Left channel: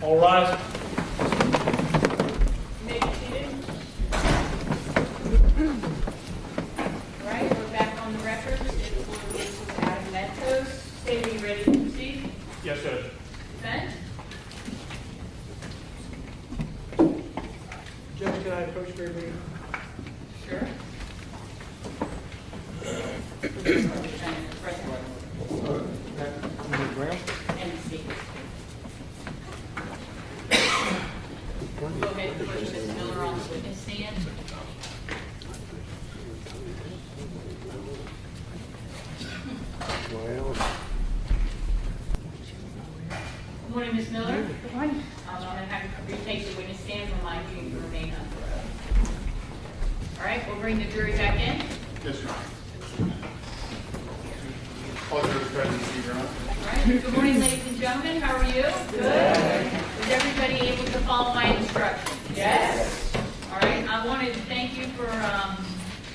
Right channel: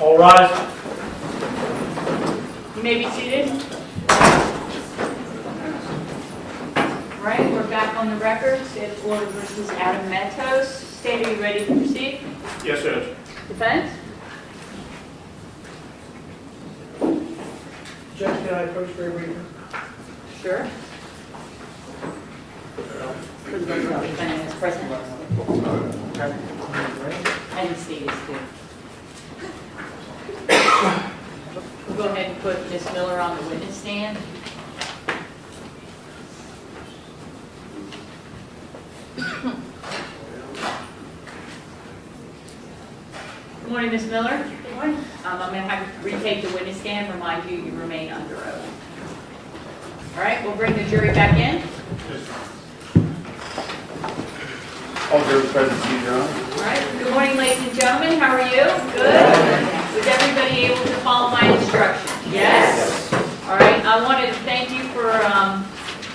All rise. You may be seated. All right, we're back on the record. State of Florida versus Adam Matos. State, are you ready to proceed? Yes, Judge. Defense? Judge, can I approach for a reading? Sure. Defendant is present. And Steve is too. We'll go ahead and put Ms. Miller on the witness stand. Good morning, Ms. Miller. Good morning. I'm going to have you retake the witness stand. Remind you remain under oath. All right, we'll bring the jury back in. All jury present, Your Honor. All right, good morning, ladies and gentlemen. How are you? Good. Was everybody able to follow my instructions? Yes. All right, I wanted to thank you for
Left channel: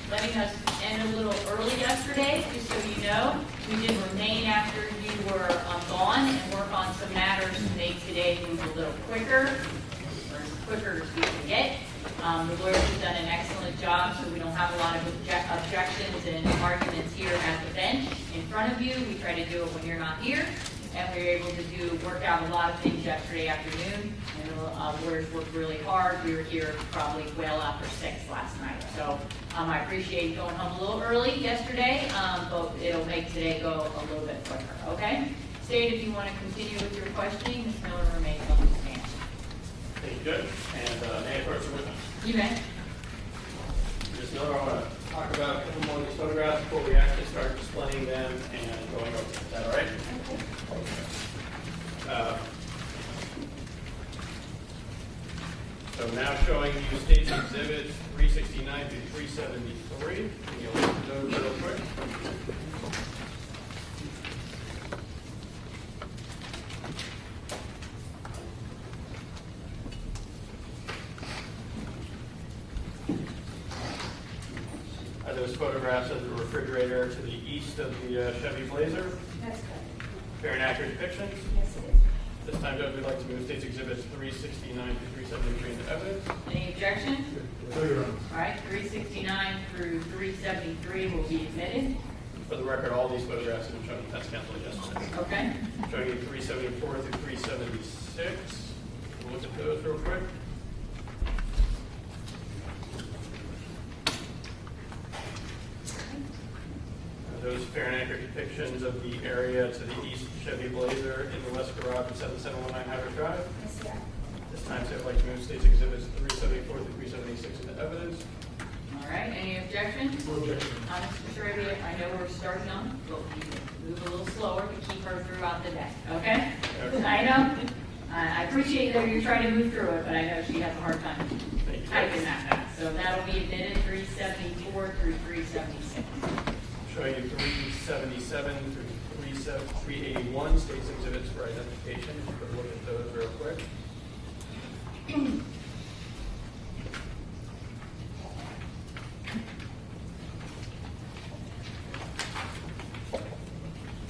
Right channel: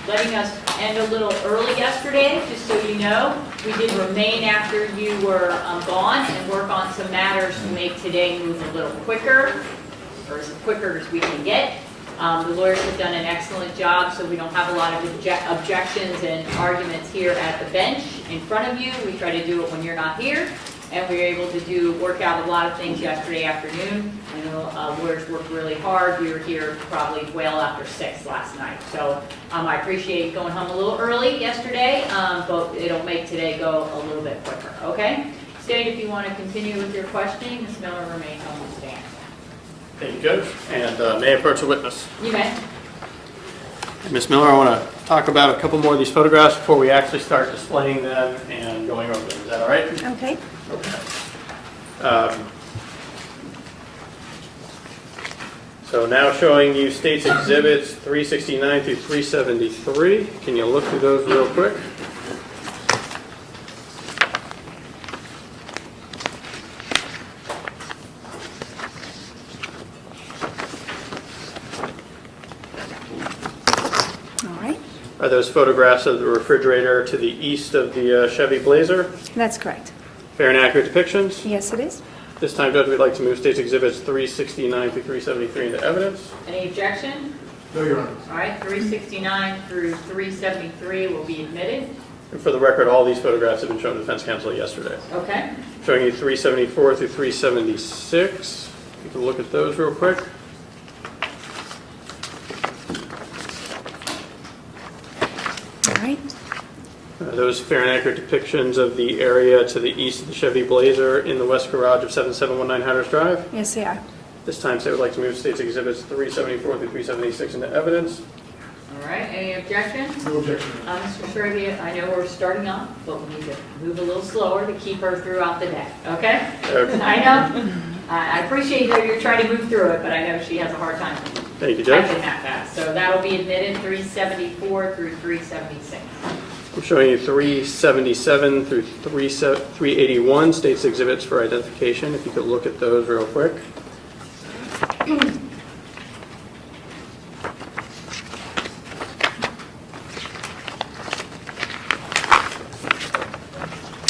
letting us end a little early yesterday, just so you know. We did remain after you were gone and work on some matters to make today move a little quicker, or as quicker as we can get. The lawyers have done an excellent job, so we don't have a lot of objections and arguments here at the bench in front of you. We try to do it when you're not here, and we were able to work out a lot of things yesterday afternoon. You know, lawyers worked really hard. We were here probably well after 6 last night. So I appreciate going home a little early yesterday, but it'll make today go a little bit quicker, okay? State, if you want to continue with your questioning, Ms. Miller remains on the stand. Thank you, Judge. And may I approach the witness? You may. Ms. Miller, I want to talk about a couple more of these photographs before we actually start displaying them and going over them. Is that all right? Okay. So now showing you State's Exhibits 369 through 373. Can you look through those real quick? All right. Are those photographs of the refrigerator to the east of the Chevy Blazer? That's correct. Fair and accurate depictions? Yes, it is. This time, Judge, we'd like to move State's Exhibits 369 through 373 into evidence. Any objection? No, Your Honor. All right, 369 through 373 will be admitted. And for the record, all these photographs have been shown to defense counsel yesterday. Okay. Showing you 374 through 376. You can look at those real quick. All right. Those fair and accurate depictions of the area to the east of the Chevy Blazer in the west garage of 7719 Hatters Drive. Yes, they are. This time, State would like to move State's Exhibits 374 through 376 into evidence. All right, any objection? No objection. Mr. Sherry, I know we're starting off, but we need to move a little slower to keep her throughout the day, okay? Okay. I know. I appreciate that you're trying to move through it, but I know she has a hard time Thank you, Judge. typing that fast. So that'll be admitted 374 through 376. I'm showing you 377 through 381 State's Exhibits for identification. If you could look at those real quick.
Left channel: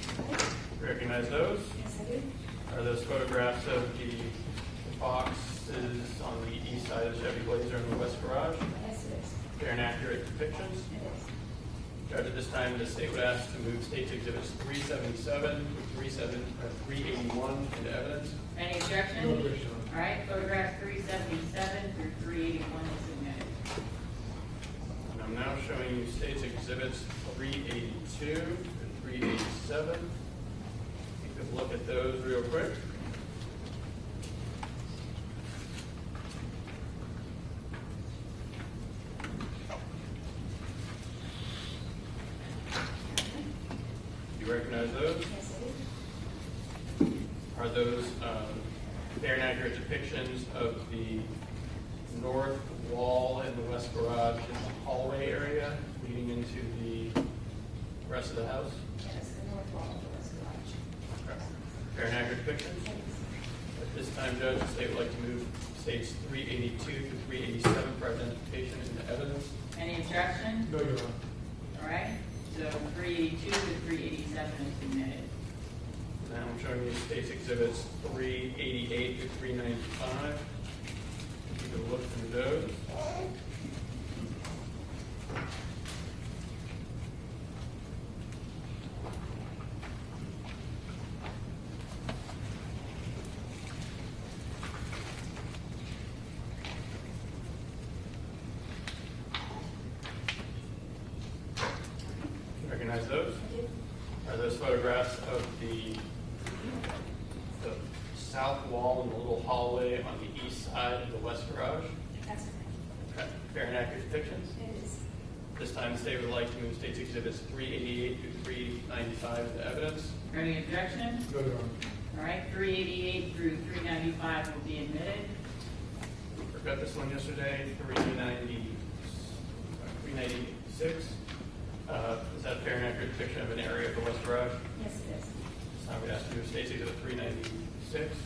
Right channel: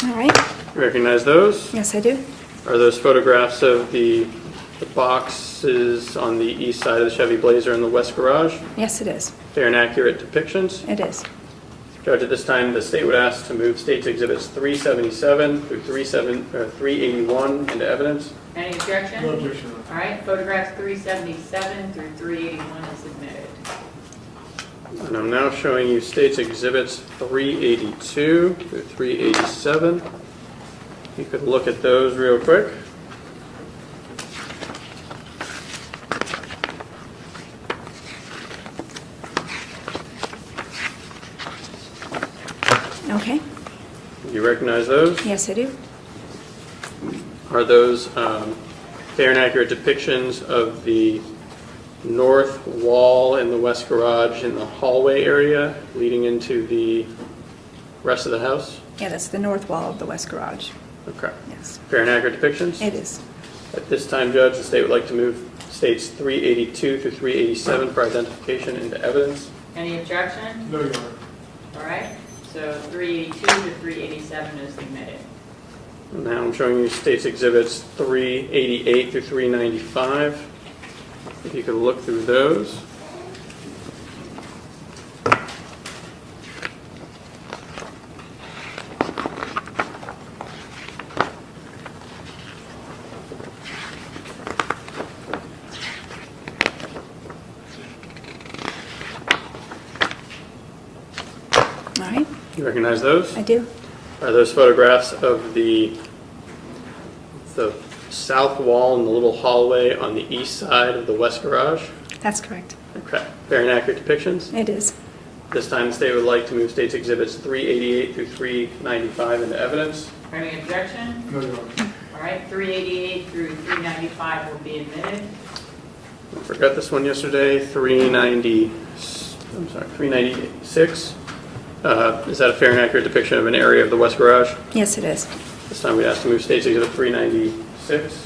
All right. You recognize those? Yes, I do. Are those photographs of the boxes on the east side of the Chevy Blazer in the west garage? Yes, it is. Fair and accurate depictions? It is. Judge, at this time, the State would ask to move State's Exhibits 377 through 381 into evidence. Any objection? No objection, Your Honor. All right, photographs 377 through 381 is admitted. And I'm now showing you State's Exhibits 382 through 387. You could look at those real quick. Okay. You recognize those? Yes, I do. Are those fair and accurate depictions of the north wall in the west garage in the hallway area leading into the rest of the house? Yeah, that's the north wall of the west garage. Okay. Yes, Fair and accurate depictions? it is. At this time, Judge, the State would like to move States 382 through 387 for identification into evidence. Any objection? No, Your Honor. All right, so 382 to 387 is admitted. Now I'm showing you State's Exhibits 388 through 395. If you could look through those. All right, You recognize those? I do. Are those photographs of the south wall and the little hallway on the east side of the west garage? That's correct. Okay. Fair and accurate depictions? It is. This time the state would like to move State's Exhibits 388 through 395 into evidence. Any objection? No, Your Honor. All right, 388 through 395 will be admitted. I forgot this one yesterday, 396. Is that a fair and accurate depiction of an area of the west garage? Yes, it is. This time we ask to move State's Exhibit 396.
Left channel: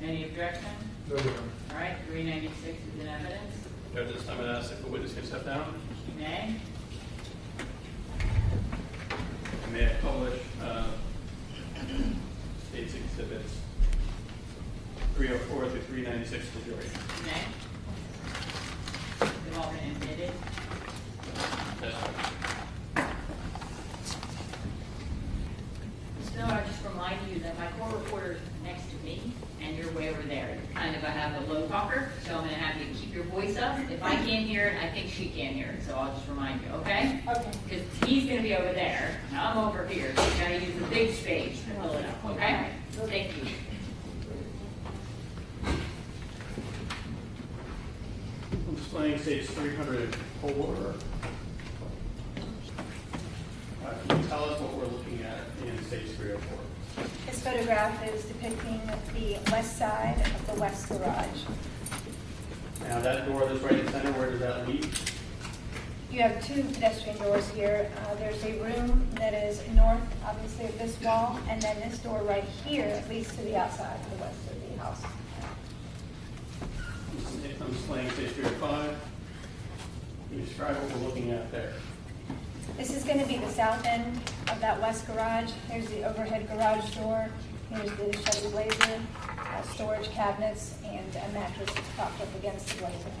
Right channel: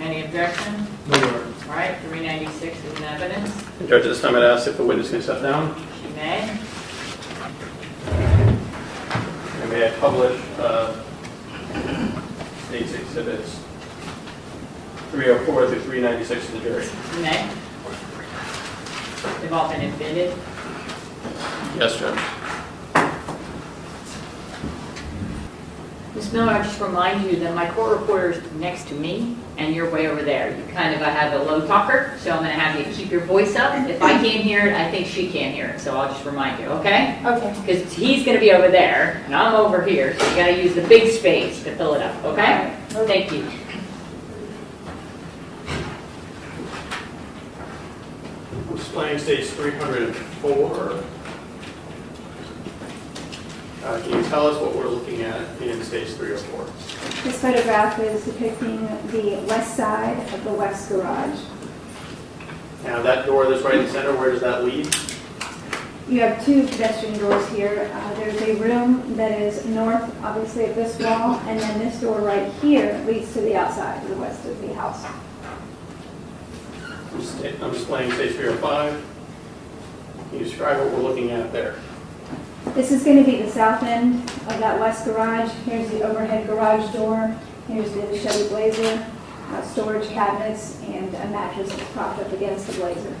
Any objection? No, Your Honor. All right, 396 is in evidence. And Judge, at this time I'd ask if the witness can step down. She may. And may I publish State's Exhibits 304 through 396 to the jury? She may. They've all been admitted. Yes, Judge. Ms. Miller, I just remind you that my court reporter is next to me, and you're way over there. You kind of have a low talker, so I'm going to have you keep your voice up. If I can't hear it, I think she can't hear it, so I'll just remind you, okay? Okay. Because he's going to be over there, and I'm over here, so you got to use the big space to fill it up, okay? Thank you. I'm displaying State's 304. Can you tell us what we're looking at in Stage 304? This photograph is depicting the west side of the west garage. Now that door that's right in the center, where does that lead? You have two pedestrian doors here. There's a room that is north, obviously, of this wall, and then this door right here leads to the outside, to the west of the house. I'm displaying Stage 305. Can you describe what we're looking at there? This is going to be the south end of that west garage. Here's the overhead garage door. Here's the Chevy Blazer, storage cabinets, and a mattress that's propped up against the Blazer.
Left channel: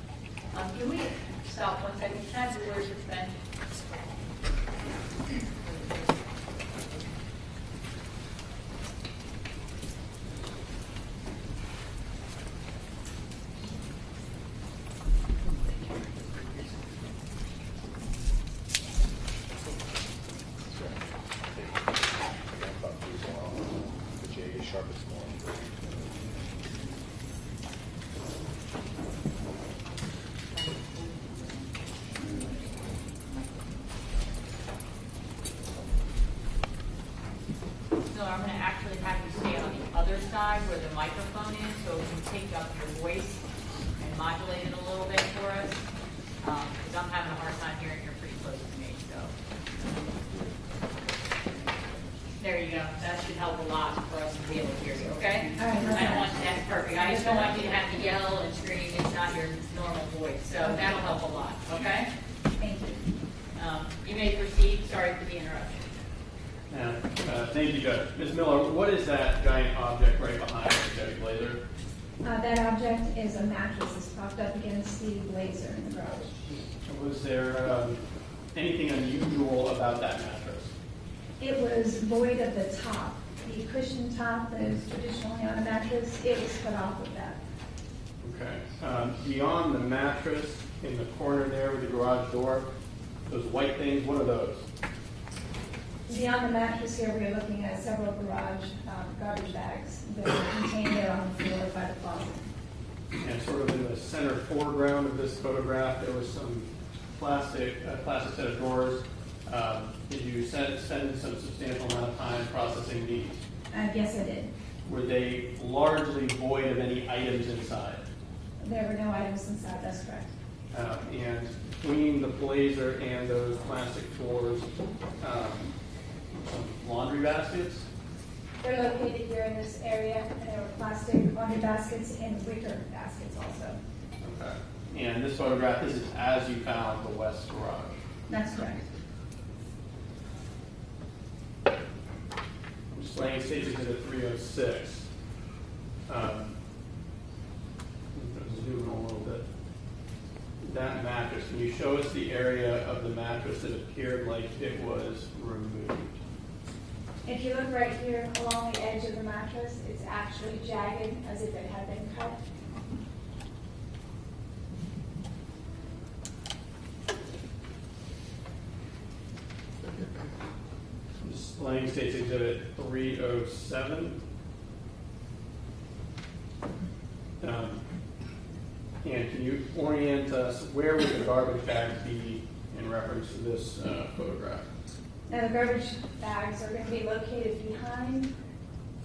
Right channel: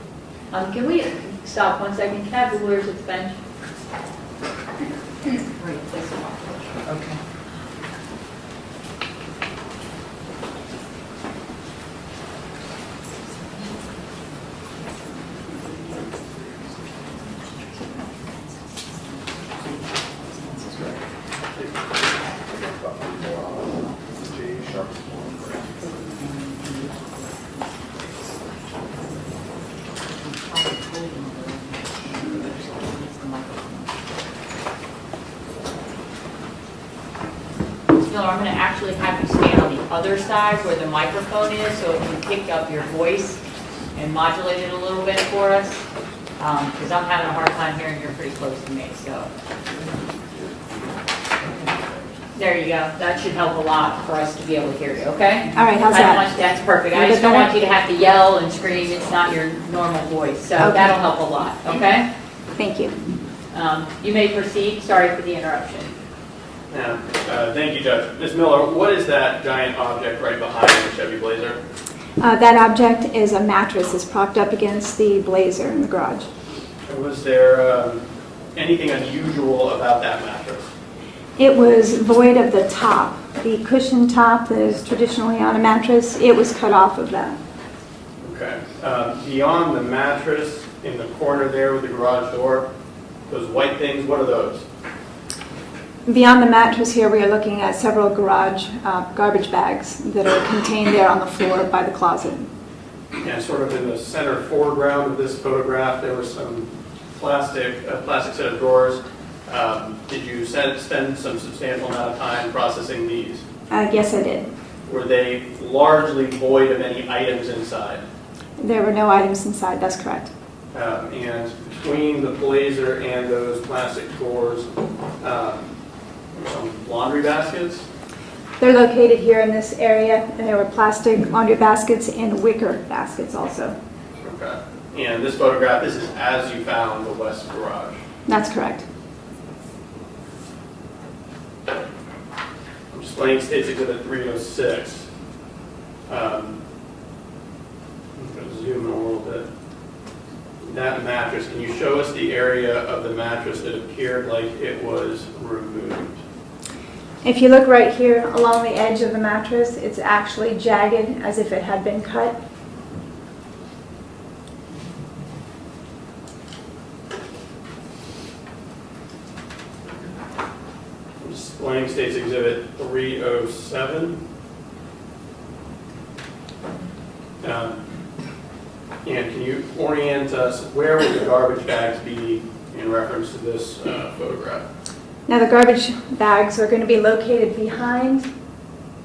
Can we stop 1 second? Can I have the lawyer's bench? Okay. Miller, I'm going to actually have you stand on the other side where the microphone is, so it can pick up your voice and modulate it a little bit for us, because I'm having a hard time hearing you're pretty close to me, so. There you go. That should help a lot for us to be able to hear you, okay? All right, how's I don't that? want, that's perfect. I Is just that don't want better? you to have to yell and scream. It's not your normal voice, so Okay. that'll help a lot, okay? Thank you. You may proceed. Sorry for the interruption. Yeah, thank you, Judge. Ms. Miller, what is that giant object right behind the Chevy Blazer? That object is a mattress that's propped up against the Blazer in the garage. Was there anything unusual about that mattress? It was void of the top. The cushion top that is traditionally on a mattress, it was cut off of that. Okay. Beyond the mattress in the corner there with the garage door, those white things, what are those? Beyond the mattress here, we are looking at several garage garbage bags that are contained there on the floor by the closet. And sort of in the center foreground of this photograph, there was some plastic set of drawers. Did you spend some substantial amount of time processing these? Yes, I did. Were they largely void of any items inside? There were no items inside, that's correct. And between the Blazer and those plastic drawers, some laundry baskets? They're located here in this area, and there were plastic laundry baskets and wicker baskets also. Okay. And this photograph, this is as you found the west garage. That's correct. I'm Displaying States Exhibit 306. I'm going to zoom in a little bit. That mattress, can you show us the area of the mattress that appeared like it was removed? If you look right here along the edge of the mattress, it's actually jagged as if it had been cut. Displaying States Exhibit 307. And can you orient us, where would the garbage bags be in reference to this photograph? Now the garbage bags are going to be located behind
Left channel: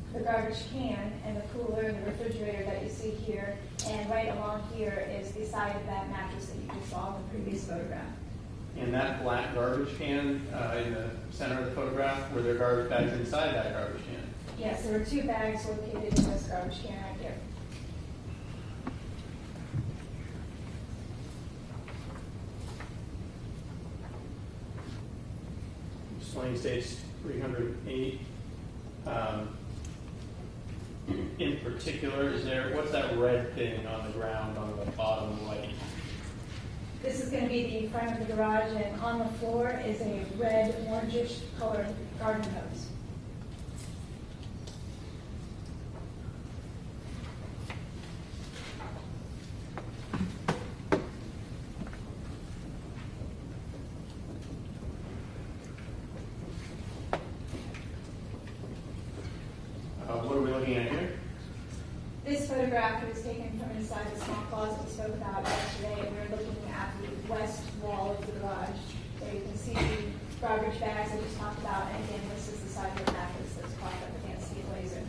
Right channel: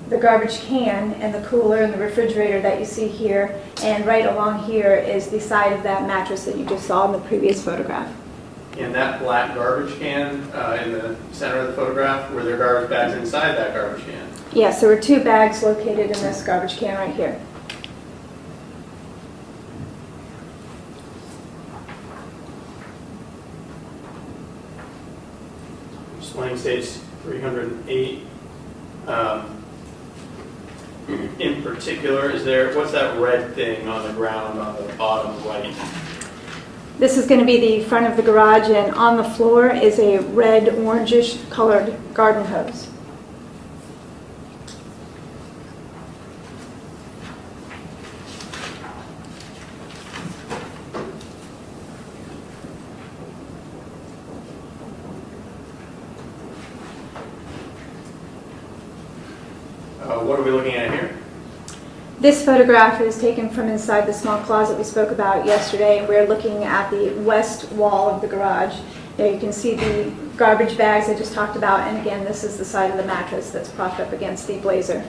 the garbage can and the cooler and the refrigerator that you see here. And right along here is the side of that mattress that you just saw in the previous photograph. And that black garbage can in the center of the photograph, were there garbage bags inside that garbage can? Yes, there were 2 bags located in this garbage can right here. Displaying States 308. In particular, what's that red thing on the ground on the bottom right? This is going to be the front of the garage, and on the floor is a red orangish colored garden hose. What are we looking at here? This photograph is taken from inside the small closet we spoke about yesterday. We're looking at the west wall of the garage. There you can see the garbage bags I just talked about, and again, this is the side of the mattress that's propped up against the blazer.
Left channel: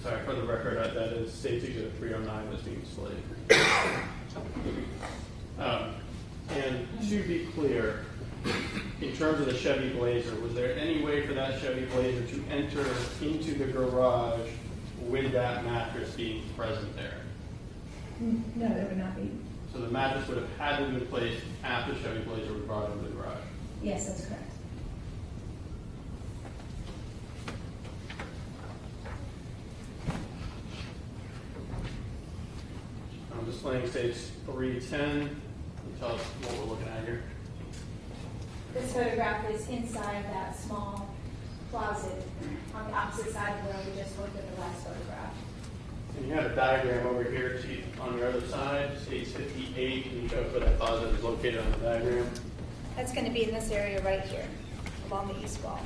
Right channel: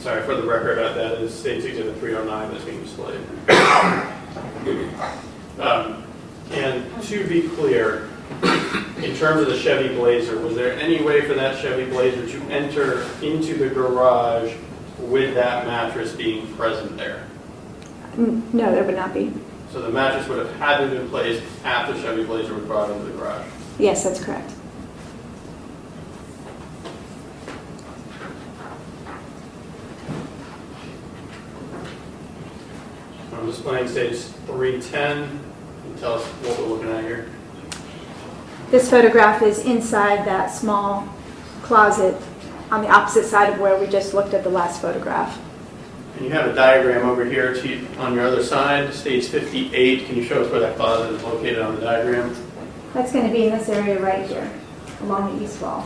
Sorry, for the record, that is States Exhibit 309 that's being displayed. And to be clear, in terms of the Chevy Blazer, was there any way for that Chevy Blazer to enter into the garage with that mattress being present there? No, there would not be. So the mattress would have had to have been placed after Chevy Blazer was brought into the garage. Yes, that's correct. I'm displaying States 310. Can you tell us what we're looking at here? This photograph is inside that small closet on the opposite side of where we just looked at the last photograph. And you have a diagram over here on your other side, States 58. Can you show us where that closet is located on the diagram? That's going to be in this area right here, along the east wall.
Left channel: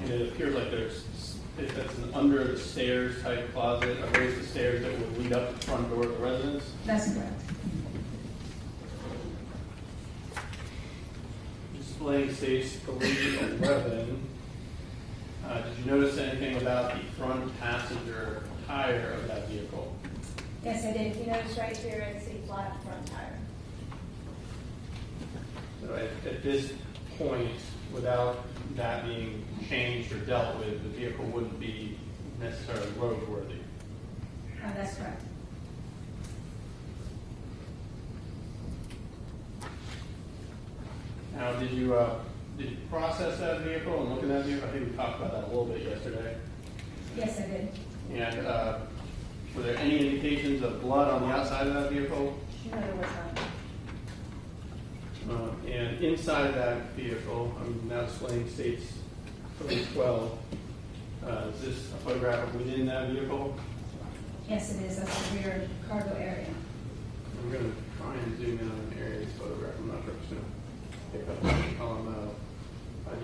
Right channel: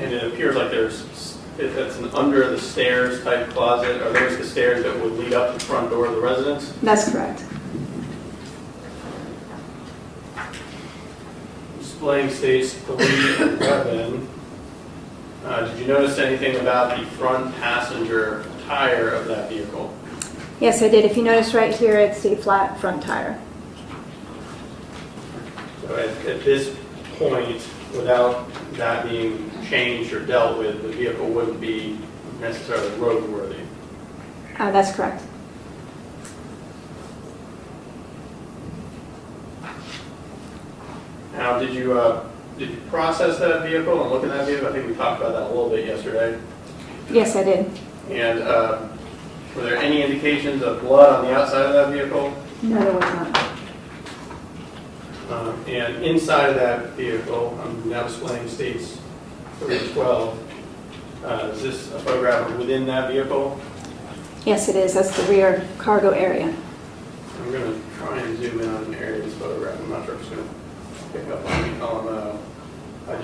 And it appears like that's an under the stairs type closet. Are those the stairs that would lead up to the front door of the residence? That's correct. Displaying States 311. Did you notice anything about the front passenger tire of that vehicle? Yes, I did. If you notice right here, it's the flat front tire. So at this point, without that being changed or dealt with, the vehicle wouldn't be necessarily roadworthy. That's correct. Now, did you process that vehicle and look at that vehicle? I think we talked about that a little bit yesterday. Yes, I did. And were there any indications of blood on the outside of that vehicle? No, there was not. And inside of that vehicle, I'm now displaying States 312. Is this a photograph within that vehicle? Yes, it is. That's the rear cargo area. I'm going to try and zoom in on an area of this photograph. I'm not sure if it's going to pick up on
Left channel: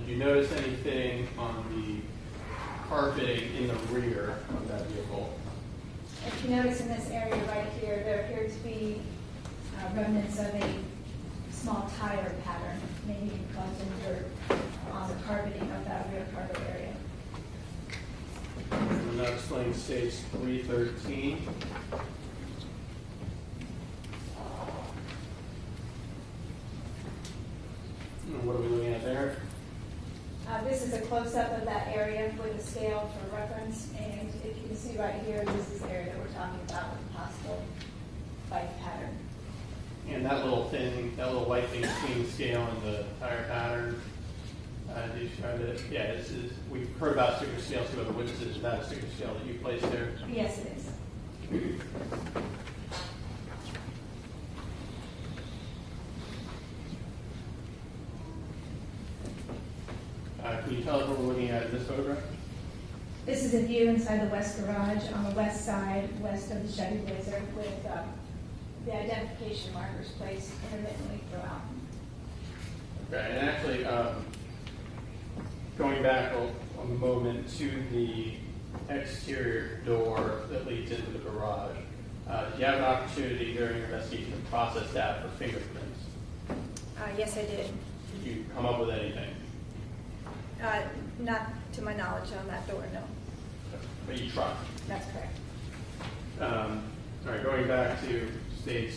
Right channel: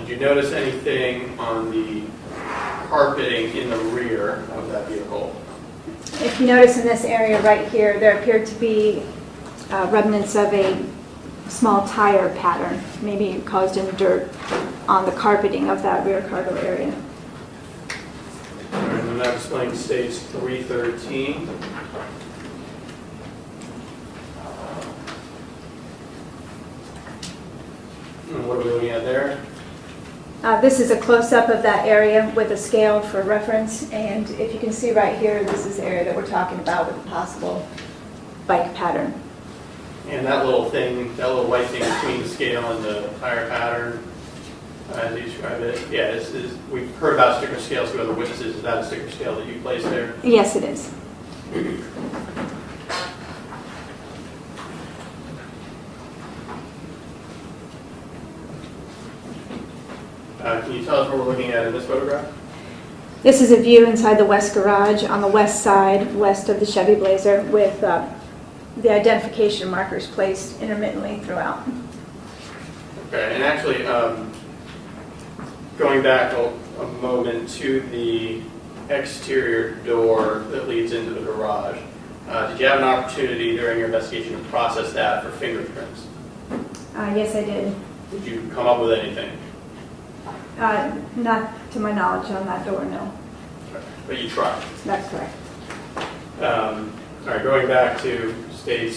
did you notice anything on the carpeting in the rear of that vehicle? If you notice in this area right here, there appeared to be remnants of a small tire pattern, maybe caused in dirt on the carpeting of that rear cargo area. All right, I'm now displaying States 313. And what are we looking at there? This is a close-up of that area with a scale for reference, and if you can see right here, this is the area that we're talking about with a possible bike pattern. And that little thing, that little white thing between the scale and the tire pattern, As you described it, yeah, we've heard about sticker scales through other witnesses. Is that a sticker scale that you placed there? Yes, it is. Can you tell us what we're looking at in this photograph? This is a view inside the west garage on the west side, west of the Chevy Blazer, with the identification markers placed intermittently throughout. Okay, and actually, going back a moment to the exterior door that leads into the garage, did you have an opportunity during your investigation to process that for fingerprints? Yes, I did. Did you come up with anything? Not to my knowledge on that door, no. But you tried. That's correct. All right, going back to stage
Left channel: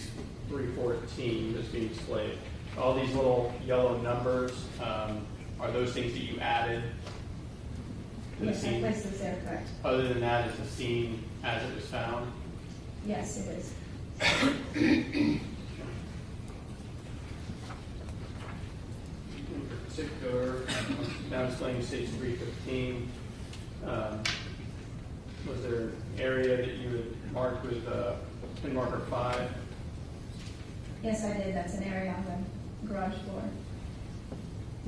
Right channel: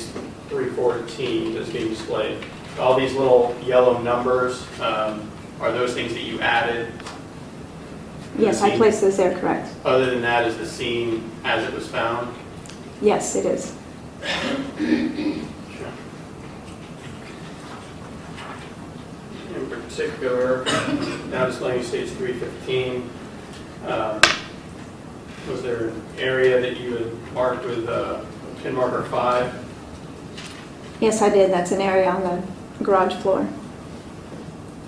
314 that's being displayed. All these little yellow numbers, are those things that you added? Yes, I placed those there, correct. Other than that, is the scene as it was found? Yes, it is. Sure. In particular, now displaying stage 315, was there an area that you had marked with pin marker 5? Yes, I did. That's an area on the garage floor.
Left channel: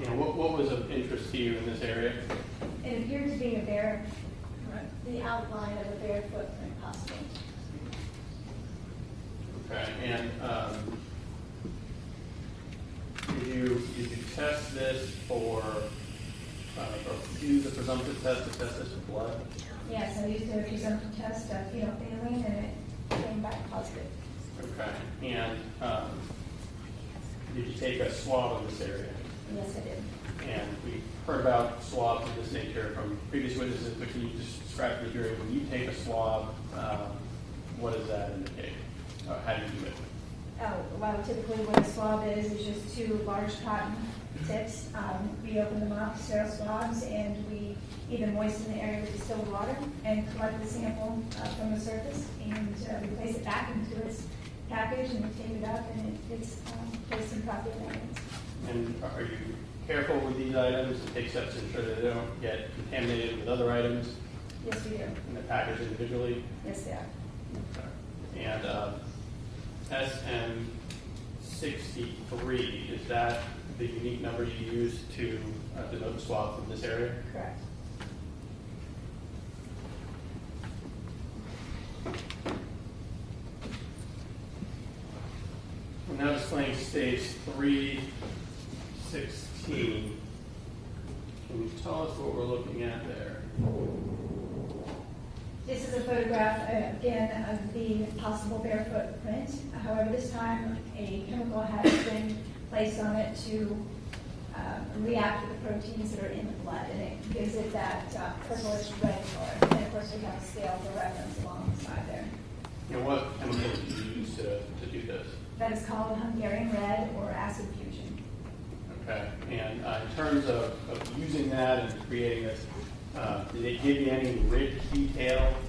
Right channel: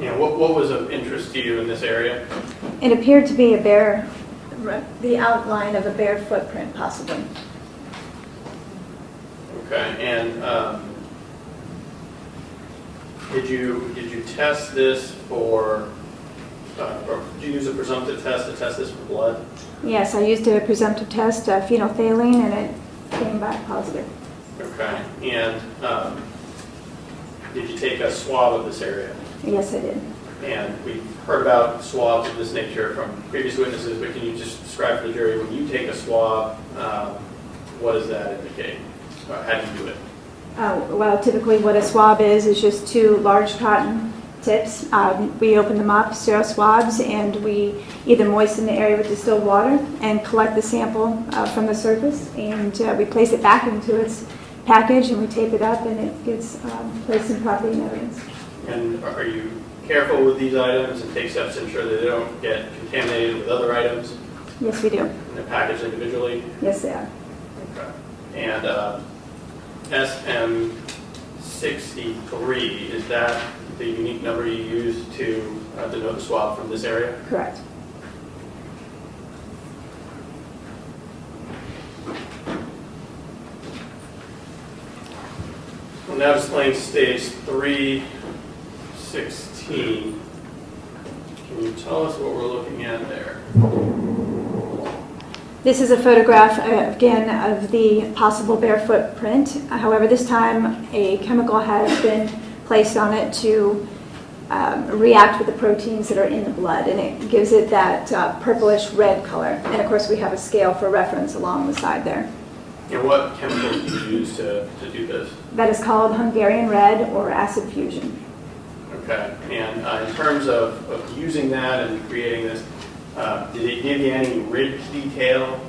And what was of interest to you in this area? It appeared to be the outline of a bare footprint, possibly. Okay, and did you test this or did you use a presumptive test to test this for blood? Yes, I used a presumptive test, phenolphthalein, and it came back positive. Okay, and did you take a swab of this area? Yes, I did. And we've heard about swabs of this nature from previous witnesses, but can you just describe for the jury, when you take a swab, what does that indicate? How do you do it? Well, typically what a swab is just two large cotton tips. We open them up, sterile swabs, and we either moisten the area with distilled water and collect the sample from the surface, and we place it back into its package, and we tape it up, and it gets placed in property and evidence. And are you careful with these items and take steps to ensure that they don't get contaminated with other items Yes, we do. and they're packaged individually? Yes, they are. Okay. And SM63, is that the unique number you use to denote the swab from this area? Correct. Well, now displaying stage 316. Can you tell us what we're looking at there? This is a photograph, again, of the possible bare footprint. However, this time a chemical has been placed on it to react with the proteins that are in the blood, and it gives it that purplish red color. And of course, we have a scale for reference along the side there. And what chemical do you use to do this? That is called Hungarian red or acid fusion. Okay. And in terms of using that and creating this, did it give you any ridge detail?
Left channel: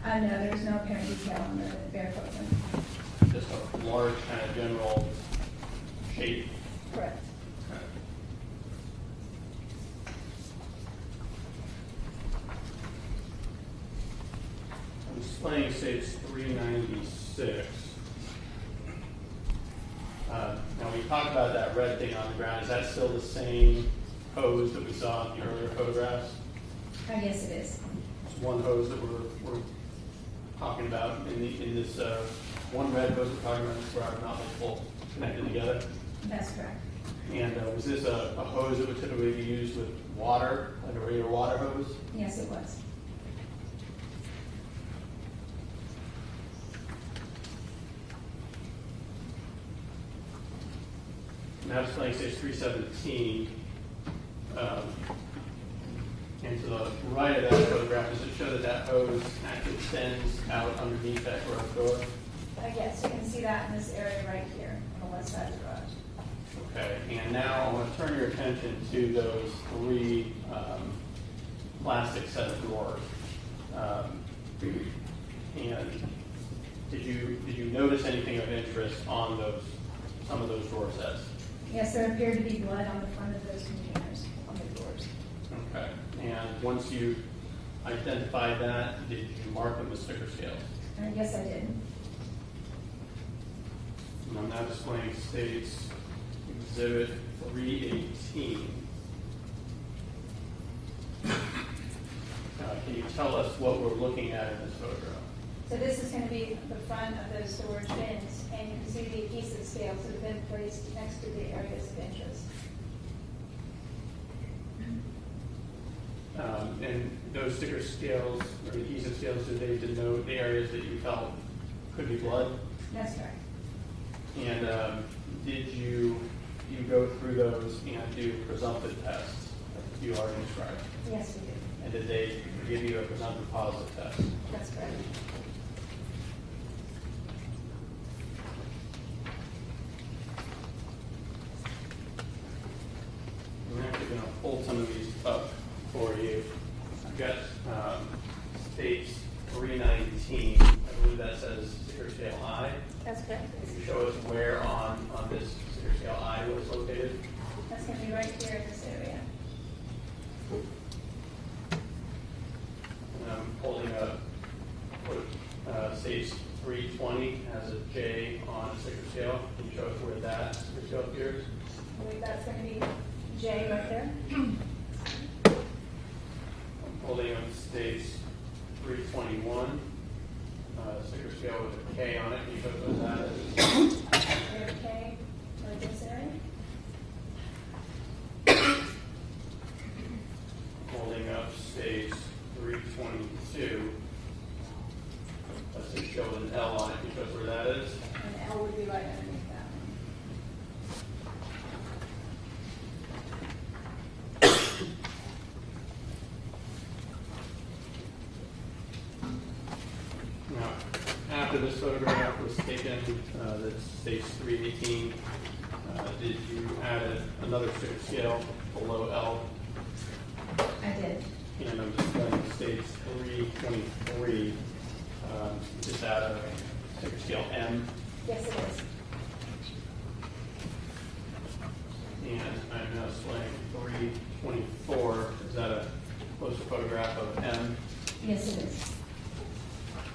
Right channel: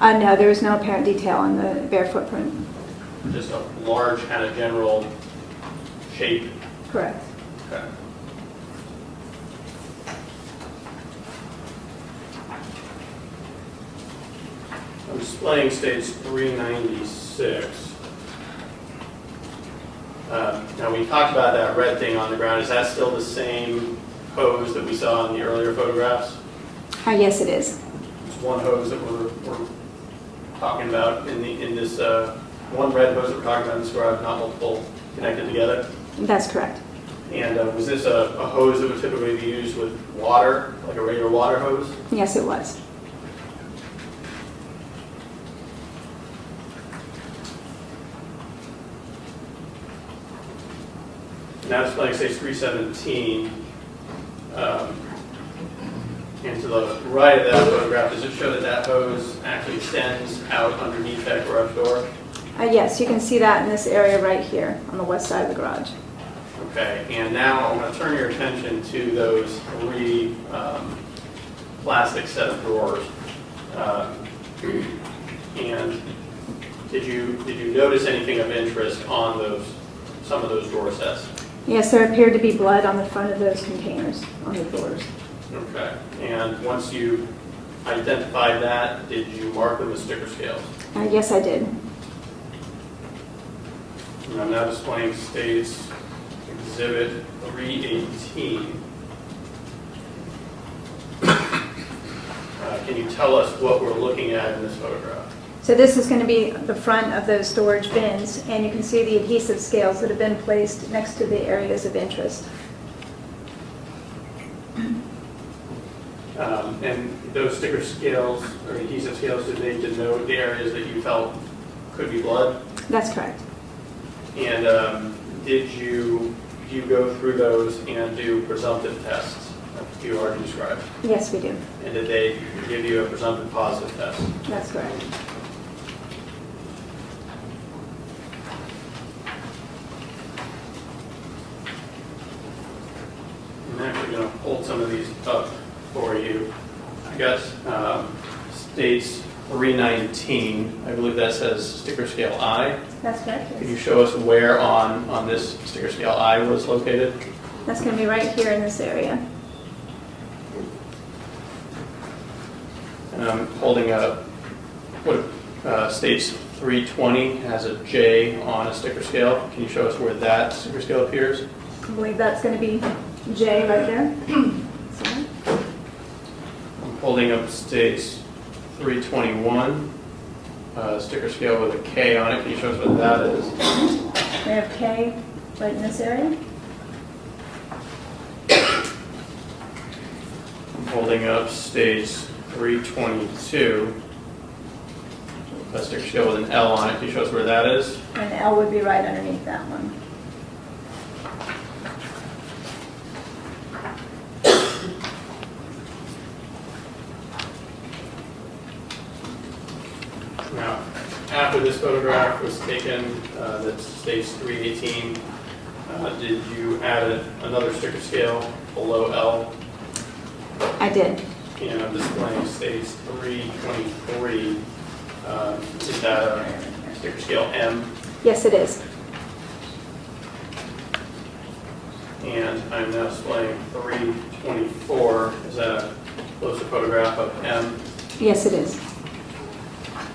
No, there is no apparent detail on the bare footprint. Just a large kind of general shape? Correct. Okay. I'm displaying stage 396. Now we talked about that red thing on the ground. Is that still the same hose that we saw in the earlier photographs? Yes, it is. It's one hose that we're talking about in this one red hose that we're talking about in this garage, not multiple connected together. That's correct. And was this a hose that would typically be used with water, like a regular water hose? Yes, it was. Now displaying stage 317. And to the right of that photograph, does it show that that hose actually extends out underneath that garage door? Yes, you can see that in this area right here on the west side of the garage. Okay, and now I'm going to turn your attention to those three plastic set of drawers. And did you notice anything of interest on some of those drawer sets? Yes, there appeared to be blood on the front of those containers, on the doors. Okay, and once you identified that, did you mark them as sticker scales? Yes, I did. And I'm now displaying State's Exhibit 318. Can you tell us what we're looking at in this photograph? So this is going to be the front of those storage bins, and you can see the adhesive scales that have been placed next to the areas of interest. And those sticker scales or adhesive scales, did they denote the areas that you felt could be blood? That's correct. And did you go through those and do presumptive tests, like you already described? Yes, we do. And did they give you a presumptive positive test? That's correct. I'm actually going to hold some of these up for you. I got States 319. I believe that says sticker scale I. That's correct. Could you Yes. show us where on this sticker scale I was located? That's going to be right here in this area. And I'm holding up what States 320 has a J on a sticker scale. Can you show us where that sticker scale appears? I believe that's going to be J right there. So, I'm holding up States 321, sticker scale with a K on it. Can you show us what that is? we have K right in this area. I'm holding up States 322, a sticker scale with an L on it. Can you show us where that is? And L would be right underneath that one. Now, after this photograph was taken, that's States 318, did you add another sticker scale below L? I did. And I'm displaying States 323. Is that a sticker scale M? Yes, it is. And I'm now displaying 324. Is that a closer photograph of M? Yes, it is.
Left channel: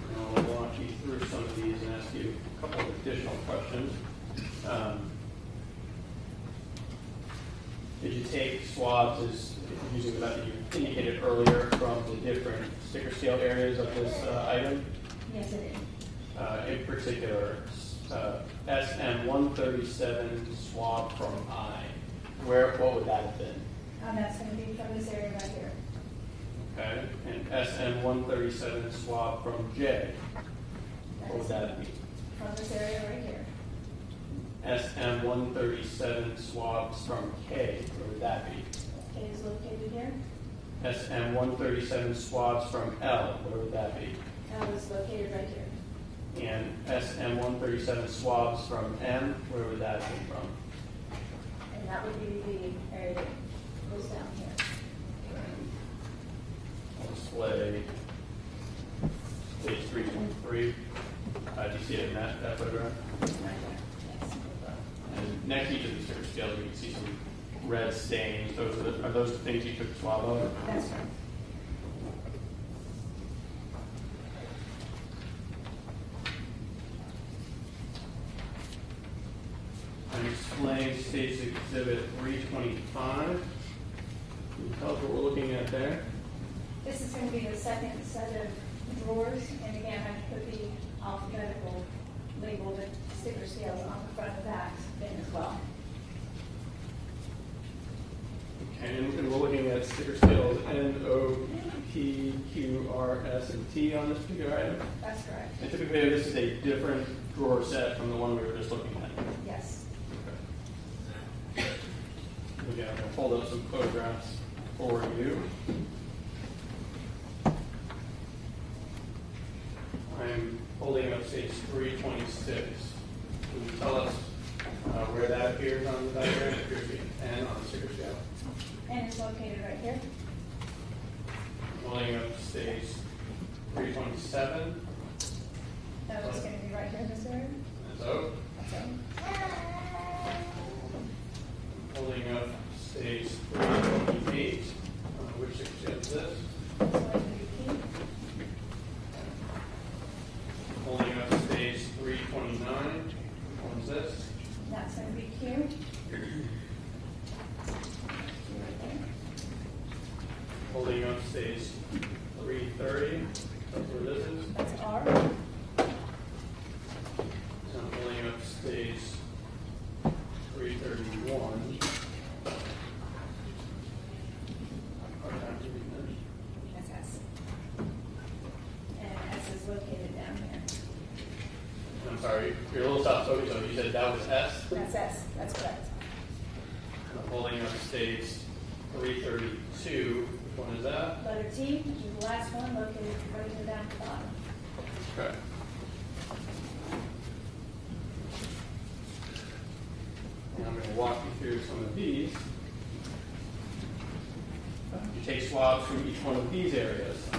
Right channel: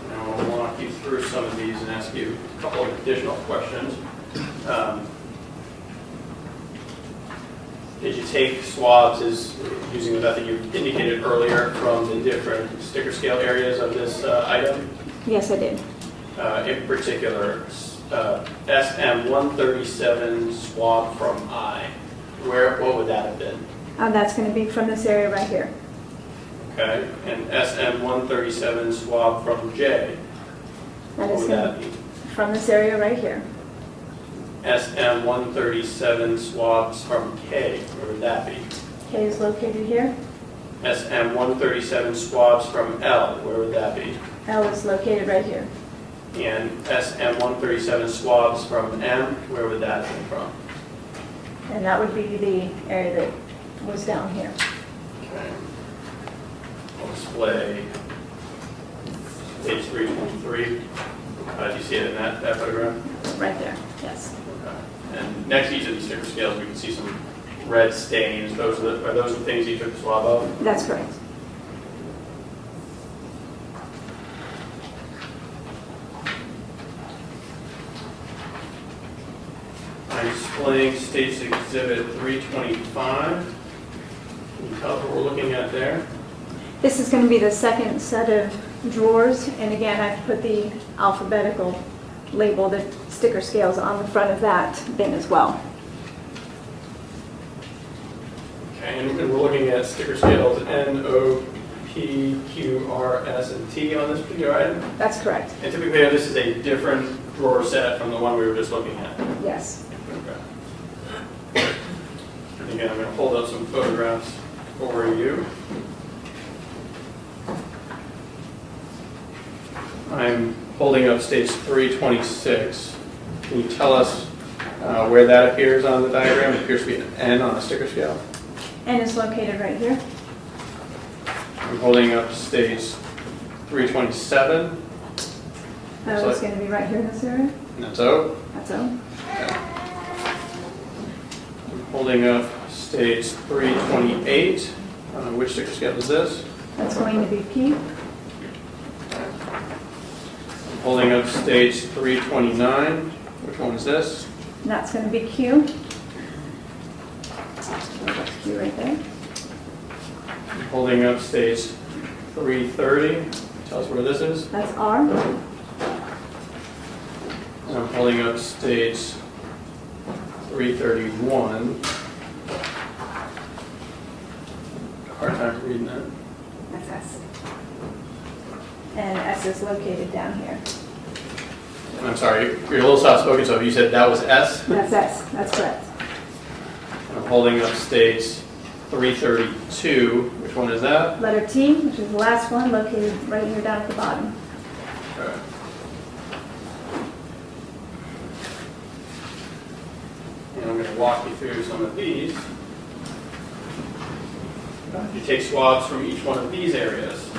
Now I'll walk you through some of these and ask you a couple of additional questions. Did you take swabs using the method you indicated earlier from the different sticker scale areas of this item? Yes, I did. In particular, SM137 swab from I. What would that have been? That's going to be from this area right here. Okay, and SM137 swab from J. That What is would going that to be? be from this area right here. SM137 swabs from K. Where would that be? K is located here. SM137 swabs from L. Where would that be? L is located right here. And SM137 swabs from M. Where would that come from? And that would be the area that was down here. Okay. I'll display page 323. Do you see it in that photograph? Right there, yes. Okay. And next to each of these sticker scales, we can see some red stains. Are those the things you took a swab of? That's correct. I'm displaying State's Exhibit 325. Can you tell us what we're looking at there? This is going to be the second set of drawers, and again, I've put the alphabetical label, the sticker scales on the front of that bin as well. Okay, and we're looking at sticker scales N, O, P, Q, R, S, and T on this particular item. That's correct, And typically, this is a different drawer set from the one we were just looking at. yes. Okay. Again, I'm going to hold up some photographs for you. I'm holding up States 326. Can you tell us where that appears on the diagram? It appears to be an N on a sticker scale. N is located right here. I'm holding up States 327. It's going to be right here in this area. And that's O. That's O. Holding up states 328. Which sticker scale is this? That's going to be P. Holding up states 329. Which one is this? And that's going to be Q. That's Q right there. Holding up states 330. Tell us where this is. That's R. And I'm holding up states 331. Hard time reading that. That's S. And S is located down here. And I'm sorry, you're a little soft spoken, so you said that was S? That's S. That's correct. I'm holding up states 332. Which one is that? Letter T, which is the last one, located right here down at the bottom. Okay. And I'm going to walk you through some of these. You take swabs from each one of these areas.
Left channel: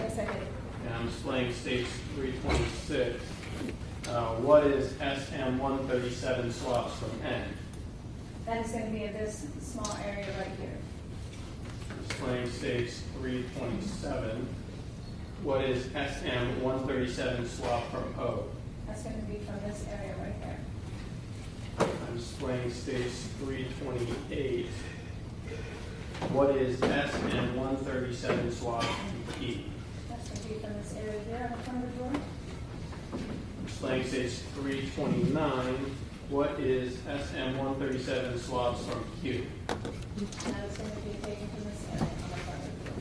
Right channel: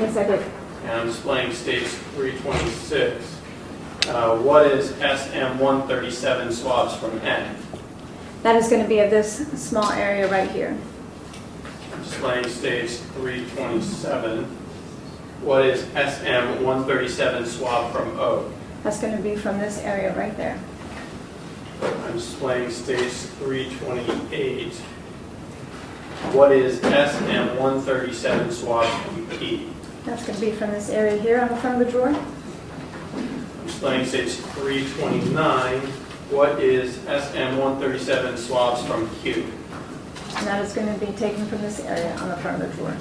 Yes, I did. And I'm displaying states 326. What is SM137 swabs from N? That is going to be of this small area right here. I'm displaying states 327. What is SM137 swab from O? That's going to be from this area right there. I'm displaying states 328. What is SM137 swab from E? That's going to be from this area here on the front of the drawer. I'm displaying states 329. What is SM137 swabs from Q? And that is going to be taken from this area on the front of the drawer.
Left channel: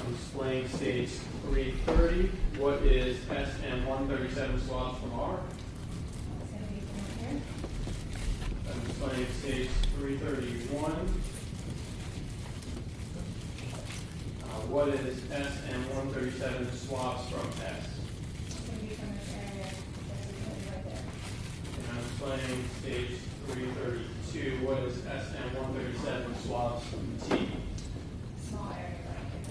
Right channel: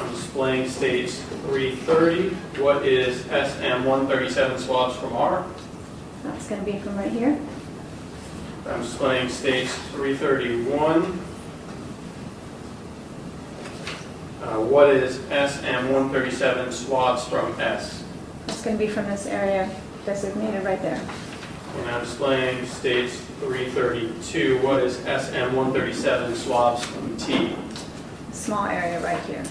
I'm displaying states 330. What is SM137 swabs from R? That's going to be from right here. I'm displaying states 331. What is SM137 swabs from S? That's going to be from this area designated right there. And I'm displaying states 332. What is SM137 swabs from T? Small area right here.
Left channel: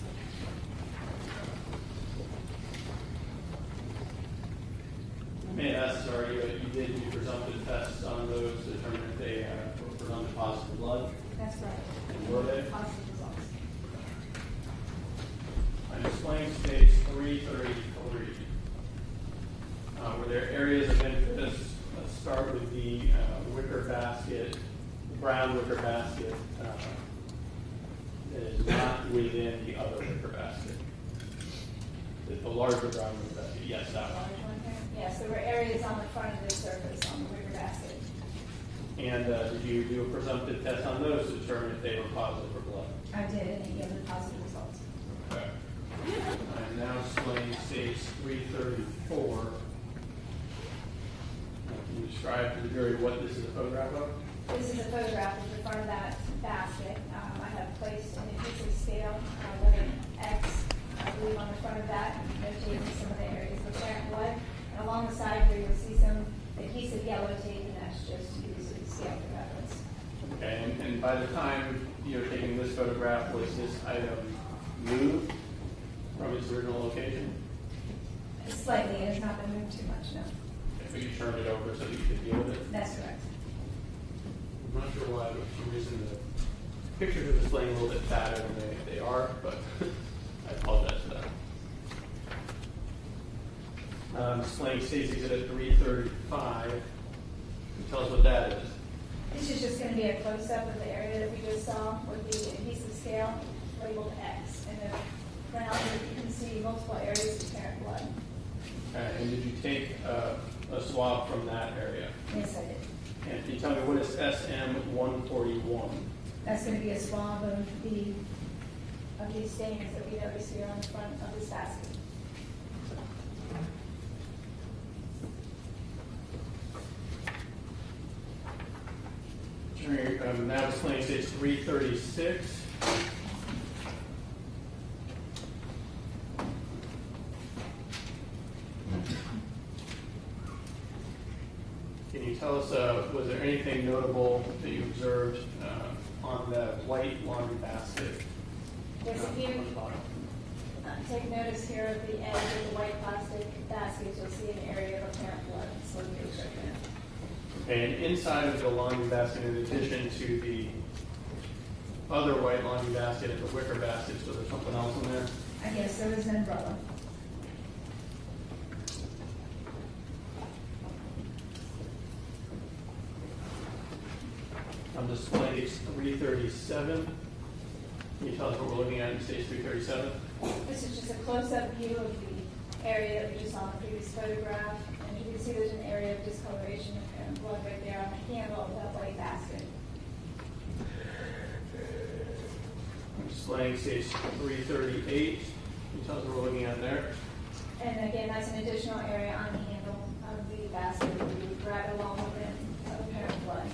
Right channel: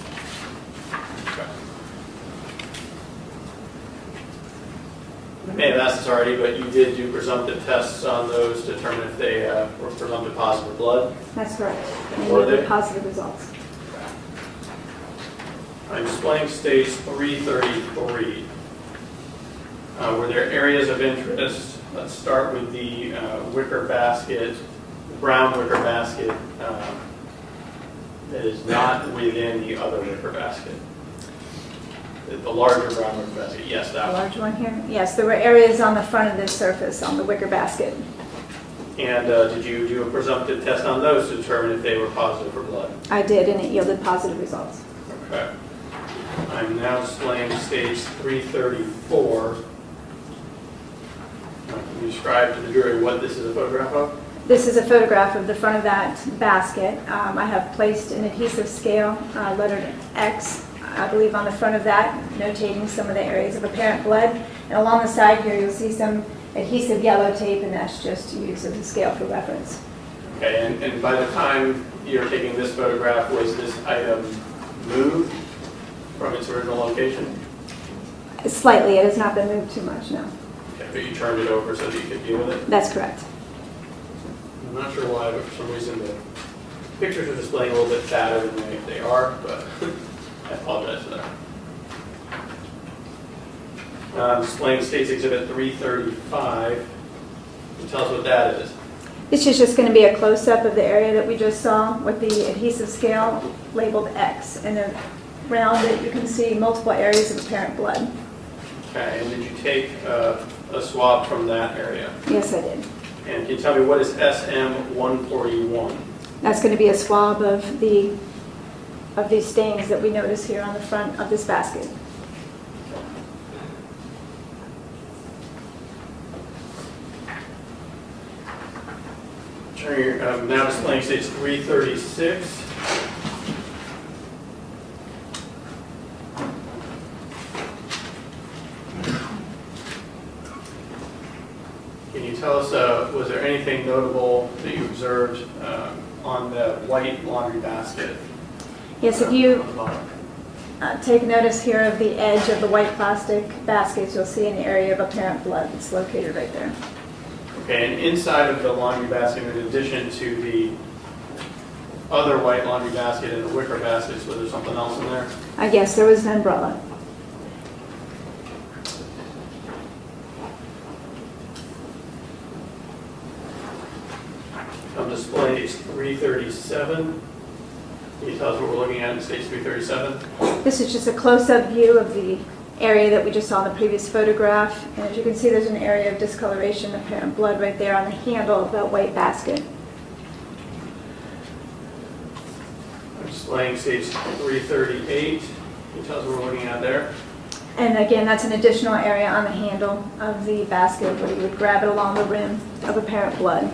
I may have asked this already, but you did do presumptive tests on those to determine if they were presumptive positive for blood. That's correct. And Were those are they? positive results. I'm displaying states 333. Were there areas of interest? Let's start with the wicker basket, the brown wicker basket that is not within the other wicker basket. The larger brown wicker basket, yes, The that one. large one here? Yes, there were areas on the front of this surface on the wicker basket. And did you do a presumptive test on those to determine if they were positive for blood? I did, and it yielded positive results. Okay. I'm now displaying states 334. Can you describe to the jury what this is a photograph of? This is a photograph of the front of that basket. I have placed an adhesive scale, lettered X, I believe, on the front of that, notating some of the areas of apparent blood. And along the side here, you'll see some adhesive yellow tape, and that's just used as a scale for reference. Okay, and by the time you're taking this photograph, was this item moved from its original location? Slightly, it has not been moved too much, no. Okay, but you turned it over so that you could deal with it? That's correct. I'm not sure why, but for some reason the pictures are displaying a little bit fatter than they are, but I apologize for that. Displaying States Exhibit 335. Can you tell us what that is? This is just going to be a close-up of the area that we just saw with the adhesive scale labeled X. And then around it, you can see multiple areas of apparent blood. Okay, and did you take a swab from that area? Yes, I did. And can you tell me what is SM141? That's going to be a swab of these stains that we notice here on the front of this basket. I'm now displaying States 336. Can you tell us, was there anything notable that you observed on the white laundry basket? Yes, if you take notice here of the edge of the white plastic baskets, you'll see an area of apparent blood. It's located right there. Okay, and inside of the laundry basket, in addition to the other white laundry basket and the wicker baskets, was there something else in there? Yes, there was an umbrella. On display 337. Can you tell us what we're looking at in stage 337? This is just a close-up view of the area that we just saw in the previous photograph. And as you can see, there's an area of discoloration, apparent blood right there on the handle of that white basket. Displaying stage 338. Can you tell us what we're looking at there? And again, that's an additional area on the handle of the basket where you would grab it along the rim of apparent blood.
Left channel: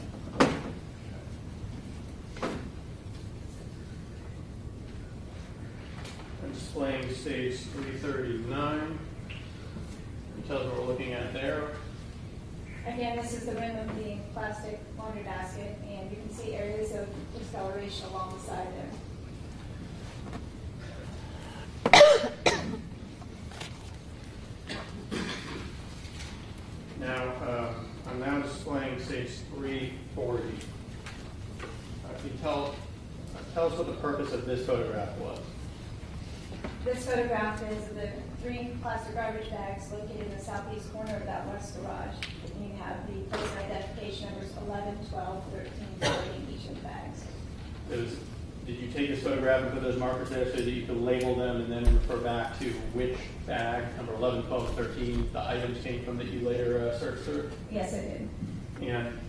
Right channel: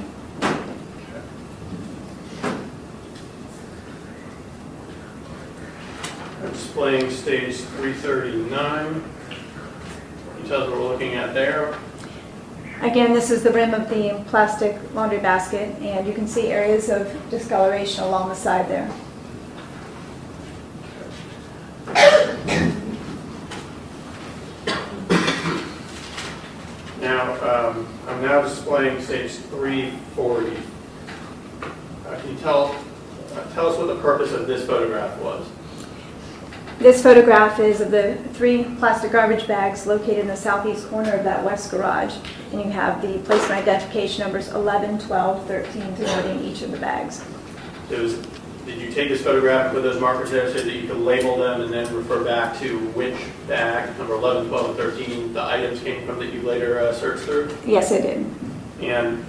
Displaying stage 339. Can you tell us what we're looking at there? Again, this is the rim of the plastic laundry basket, and you can see areas of discoloration along the side there. Now, I'm now displaying stage 340. Can you tell us what the purpose of this photograph was? This photograph is of the 3 plastic garbage bags located in the southeast corner of that west garage. And you have the placement identification numbers 11, 12, 13 denoting each of the bags. Did you take this photograph and put those markers there so that you could label them and then refer back to which bag, number 11, 12, and 13, the items came from that you later searched through? Yes, I did. And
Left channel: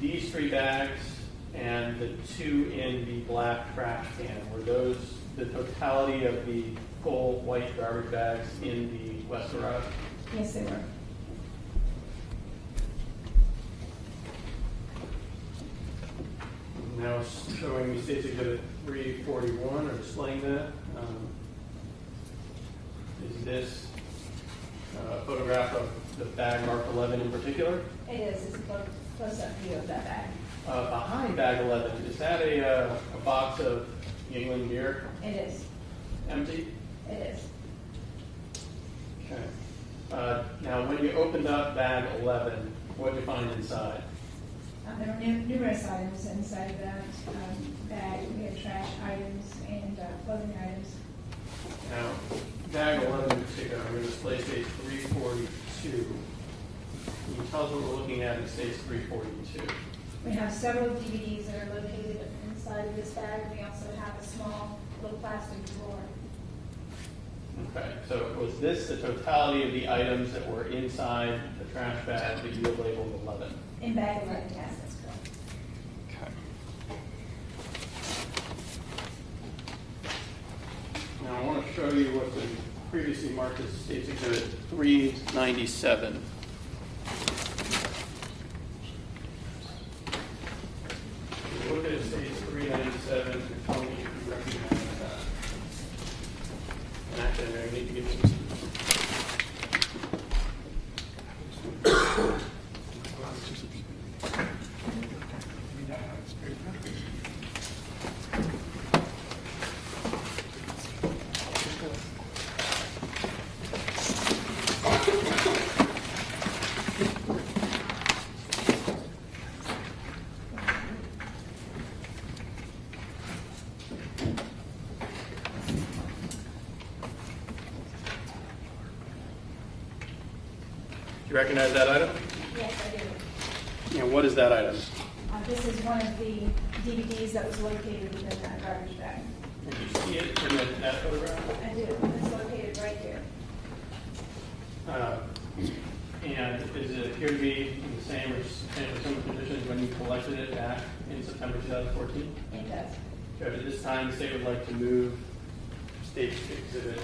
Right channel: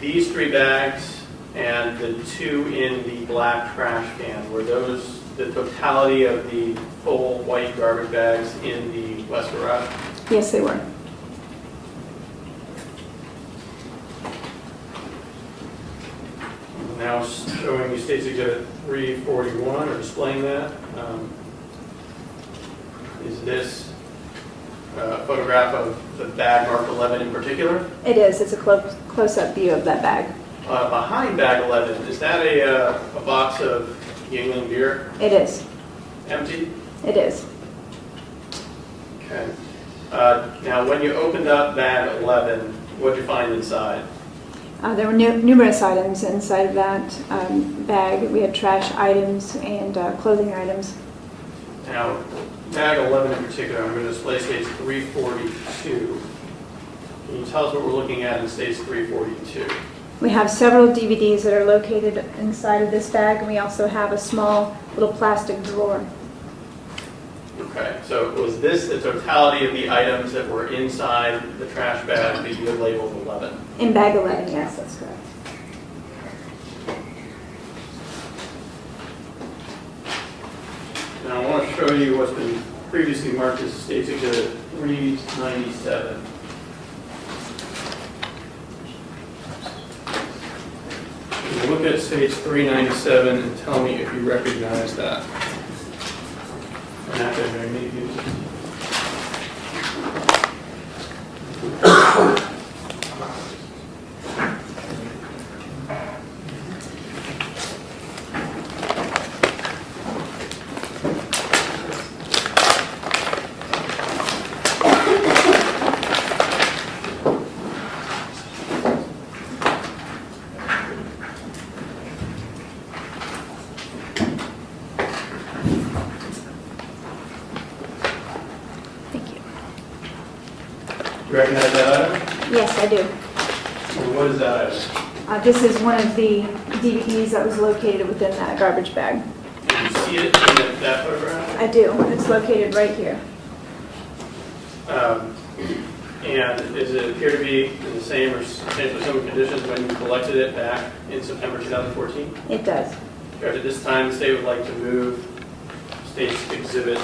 these 3 bags and the 2 in the black trash can, were those the totality of the full white garbage bags in the west garage? Yes, they were. Now showing you State Exhibit 341, or displaying that. Is this a photograph of the bag marked 11 in particular? It is. It's a close-up view of that bag. Behind bag 11, is that a box of Yingling beer? It is. Empty? It is. Okay. Now, when you opened up bag 11, what did you find inside? There were numerous items inside of that bag. We had trash items and clothing items. Now, bag 11 in particular, I'm going to display stage 342. Can you tell us what we're looking at in stage 342? We have several DVDs that are located inside of this bag, and we also have a small little plastic drawer. Okay, so was this the totality of the items that were inside the trash bag that you had labeled 11? In bag 11, yes, that's correct. Now I want to show you what's been previously marked as State Exhibit 397. So look at stage 397 and tell me if you recognize that. You recognize that item? Yes, I do. And what is that item? This is one of the DVDs that was located within that garbage bag. Did you see it in that photograph? I do. It's located right here. And does it appear to be in the same or substantially similar conditions when you collected it back in September 2014? It does. At this time, the state would like to move State Exhibit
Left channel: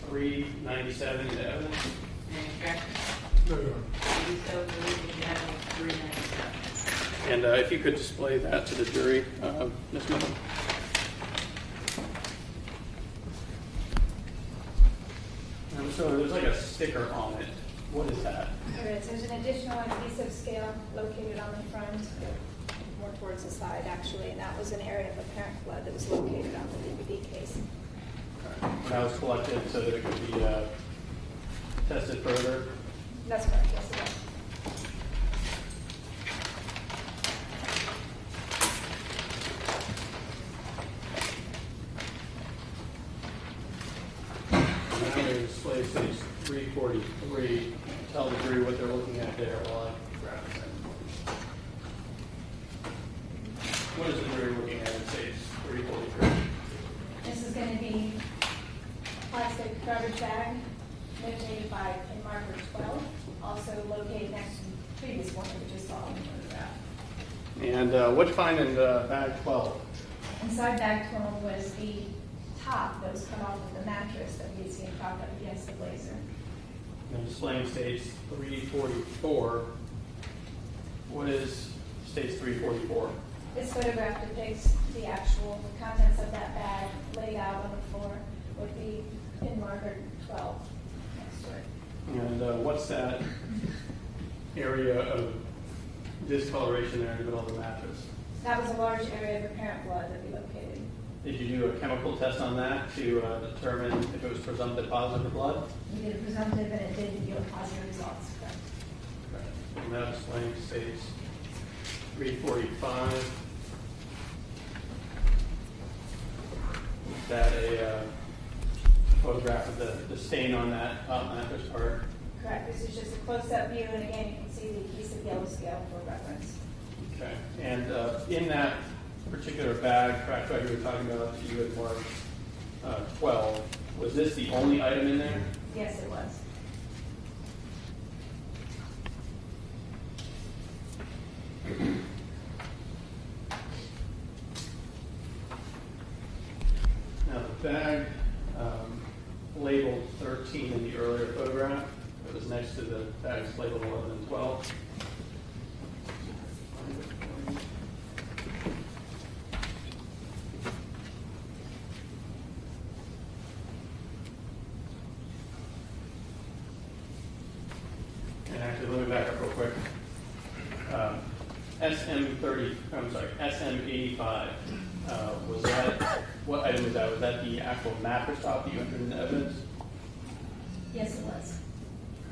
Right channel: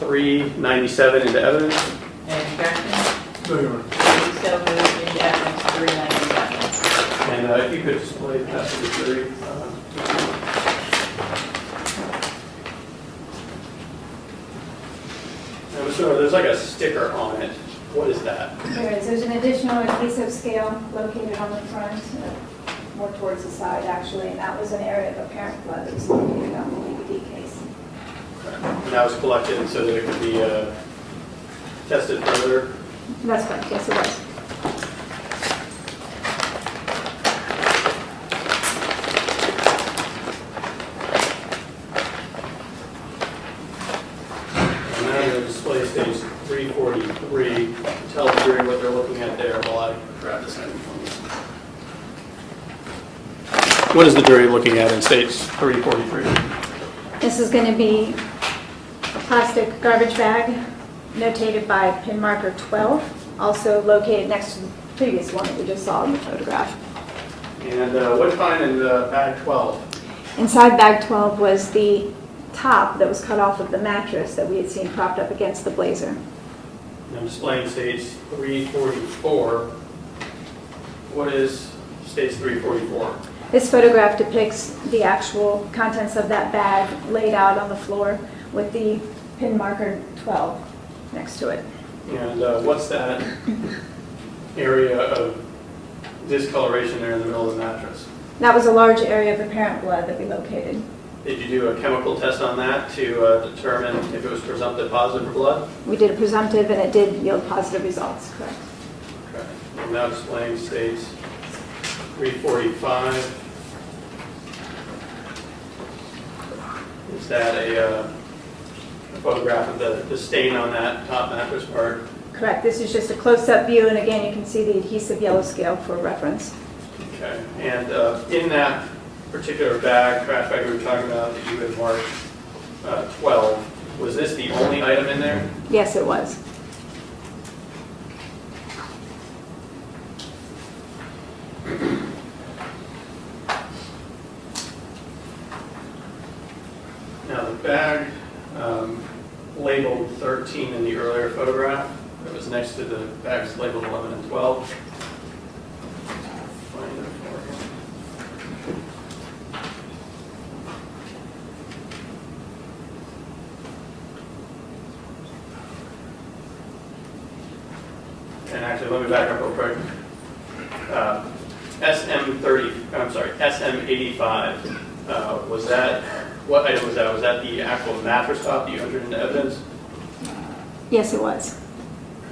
397 into evidence. Any objections? No, Your Honor. So moved into evidence 397. And if you could display that to the jury. So there's like a sticker on it. What is that? There is. There's an additional adhesive scale located on the front, more towards the side actually, and that was an area of apparent blood that was located on the DVD case. And that was collected so that it could be tested further? That's correct, yes, it was. And then the display stage 343. Tell the jury what they're looking at there while I grab this item for me. What is the jury looking at in stage 343? This is going to be a plastic garbage bag notated by pin marker 12, also located next to the previous one that we just saw in the photograph. And what did you find in bag 12? Inside bag 12 was the top that was cut off of the mattress that we had seen propped up against the blazer. I'm displaying stage 344. What is stage 344? This photograph depicts the actual contents of that bag laid out on the floor with the pin marker 12 next to it. And what's that area of discoloration there in the middle of the mattress? That was a large area of apparent blood that we located. Did you do a chemical test on that to determine if it was presumptive positive for blood? We did a presumptive and it did yield positive results, correct? Okay. I'm now displaying stage 345. Is that a photograph of the stain on that top mattress part? Correct. This is just a close-up view, and again, you can see the adhesive yellow scale for reference. Okay. And in that particular bag, trash bag we were talking about that you had marked 12, was this the only item in there? Yes, it was. Now, the bag labeled 13 in the earlier photograph that was next to the bags labeled 11 and 12. Find it for you. And actually, let me back up real quick. SM85, was that, what item was that? Was that the actual mattress top that you entered into evidence? Yes, it was.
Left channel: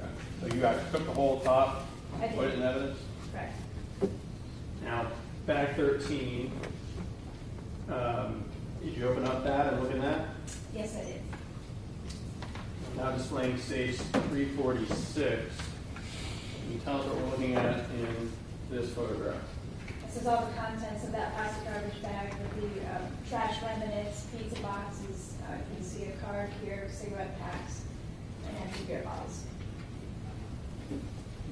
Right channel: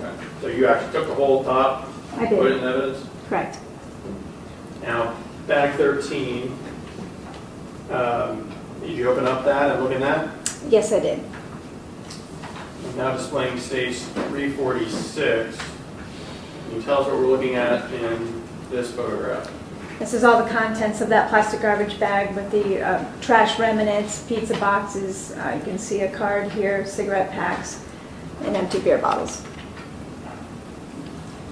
Okay. So you actually took the whole top, I put it did. in evidence? Correct. Now, bag 13, did you open up that and look in that? Yes, I did. I'm now displaying stage 346. Can you tell us what we're looking at in this photograph? This is all the contents of that plastic garbage bag with the trash remnants, pizza boxes. You can see a card here, cigarette packs, and empty beer bottles.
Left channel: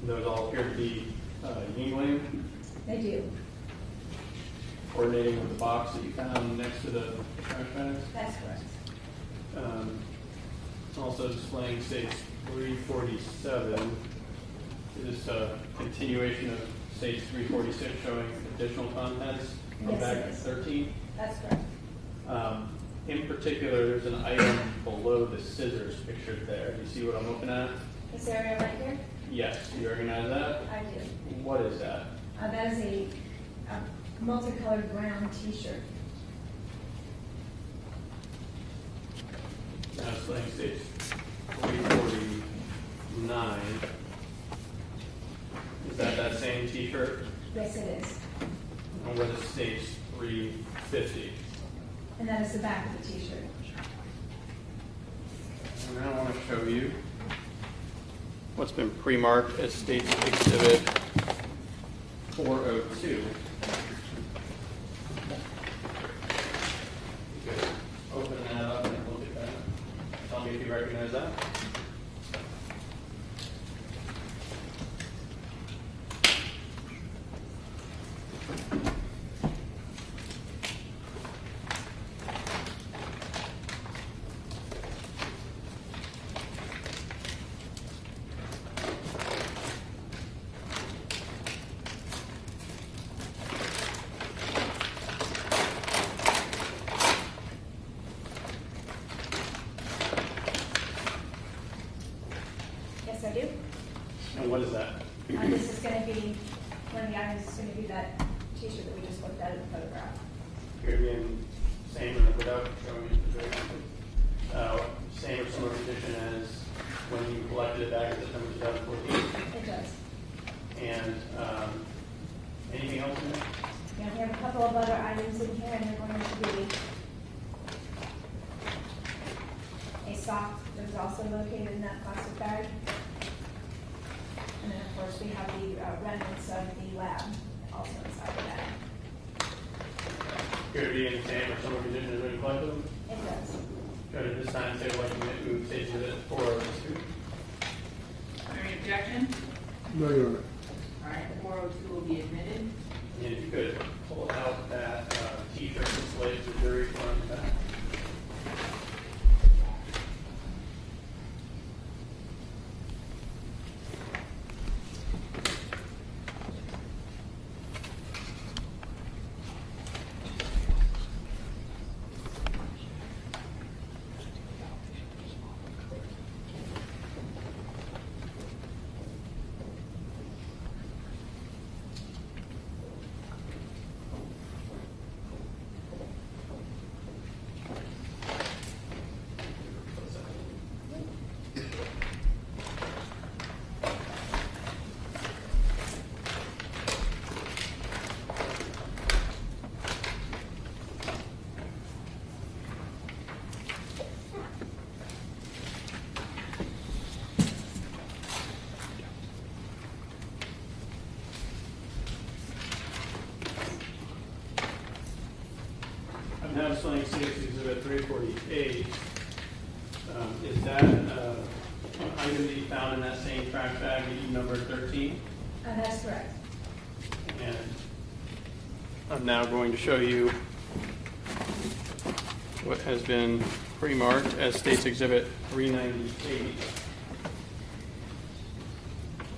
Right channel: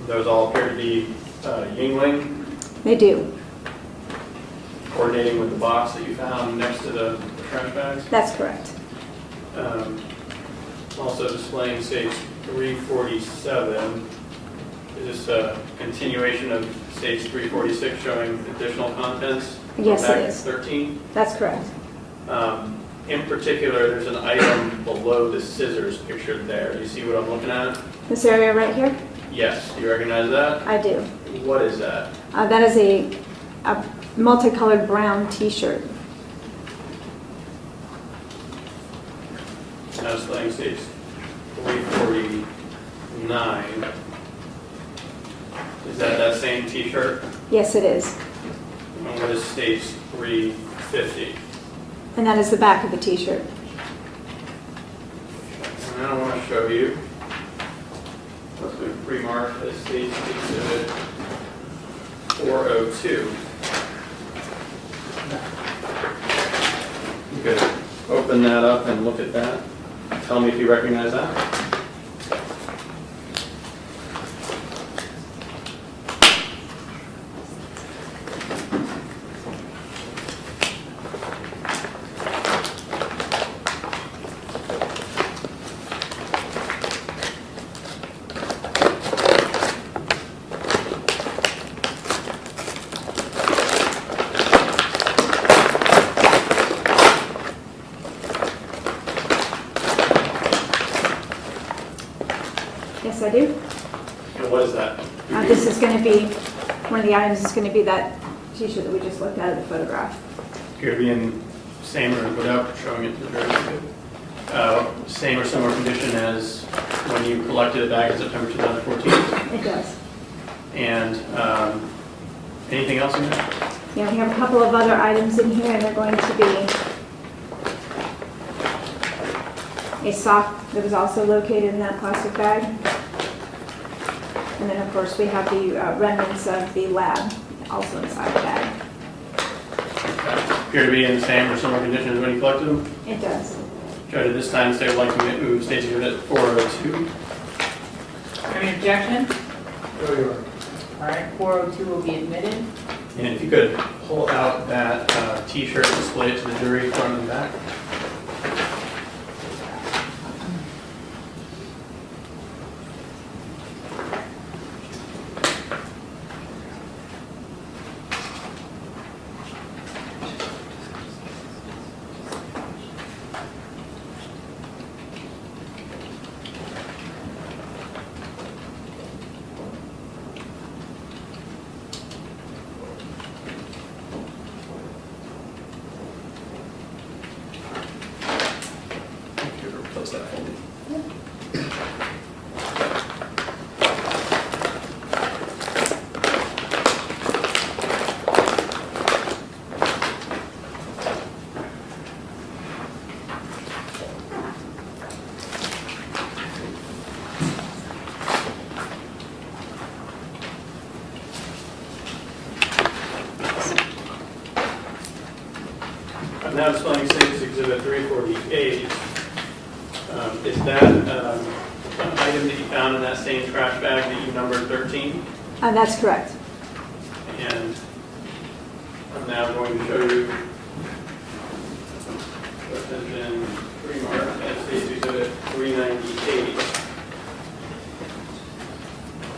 Those all appear to be Yingling, They do. coordinating with the box that you found next to the trash bags. That's correct. Also displaying stage 347. Is this a continuation of stage 346 showing additional contents? Yes, it Bag is. 13. That's correct. In particular, there's an item below the scissors pictured there. Do you see what I'm looking at? This area right here? Yes. Do you recognize that? I do. What is that? That is a multicolored brown t-shirt. Now displaying stage 349. Is that same t-shirt? Yes, it is. And what is stage 350? And that is the back of the t-shirt. And now I want to show you what's been pre-marked as stage exhibit 402. You could open that up and look at that. Tell me if you recognize that. Yes, I do. And what is that? This is going to be, one of the items is going to be that t-shirt that we just looked at in the photograph. Could it be in same or without showing it to the jury? Same or similar condition as when you collected it back in September 2014? It does. And anything else in there? Yeah, we have a couple of other items in here, and they're going to be a sock that was also located in that plastic bag. And then, of course, we have the remnants of the lab also inside the bag. Appear to be in the same or similar condition as when you collected them? It does. Judge, at this time, state would like to move State's Exhibit 402. Any objection? No, Your Honor. All right, 402 will be admitted. And if you could pull out that T-shirt and display it to the jury, front and back. Replace that for me. I'm now displaying State's Exhibit 348. Is that an item that you found in that same trash bag that you numbered 13? That's correct. And I'm now going to show you what has been pre-marked as State's Exhibit 398.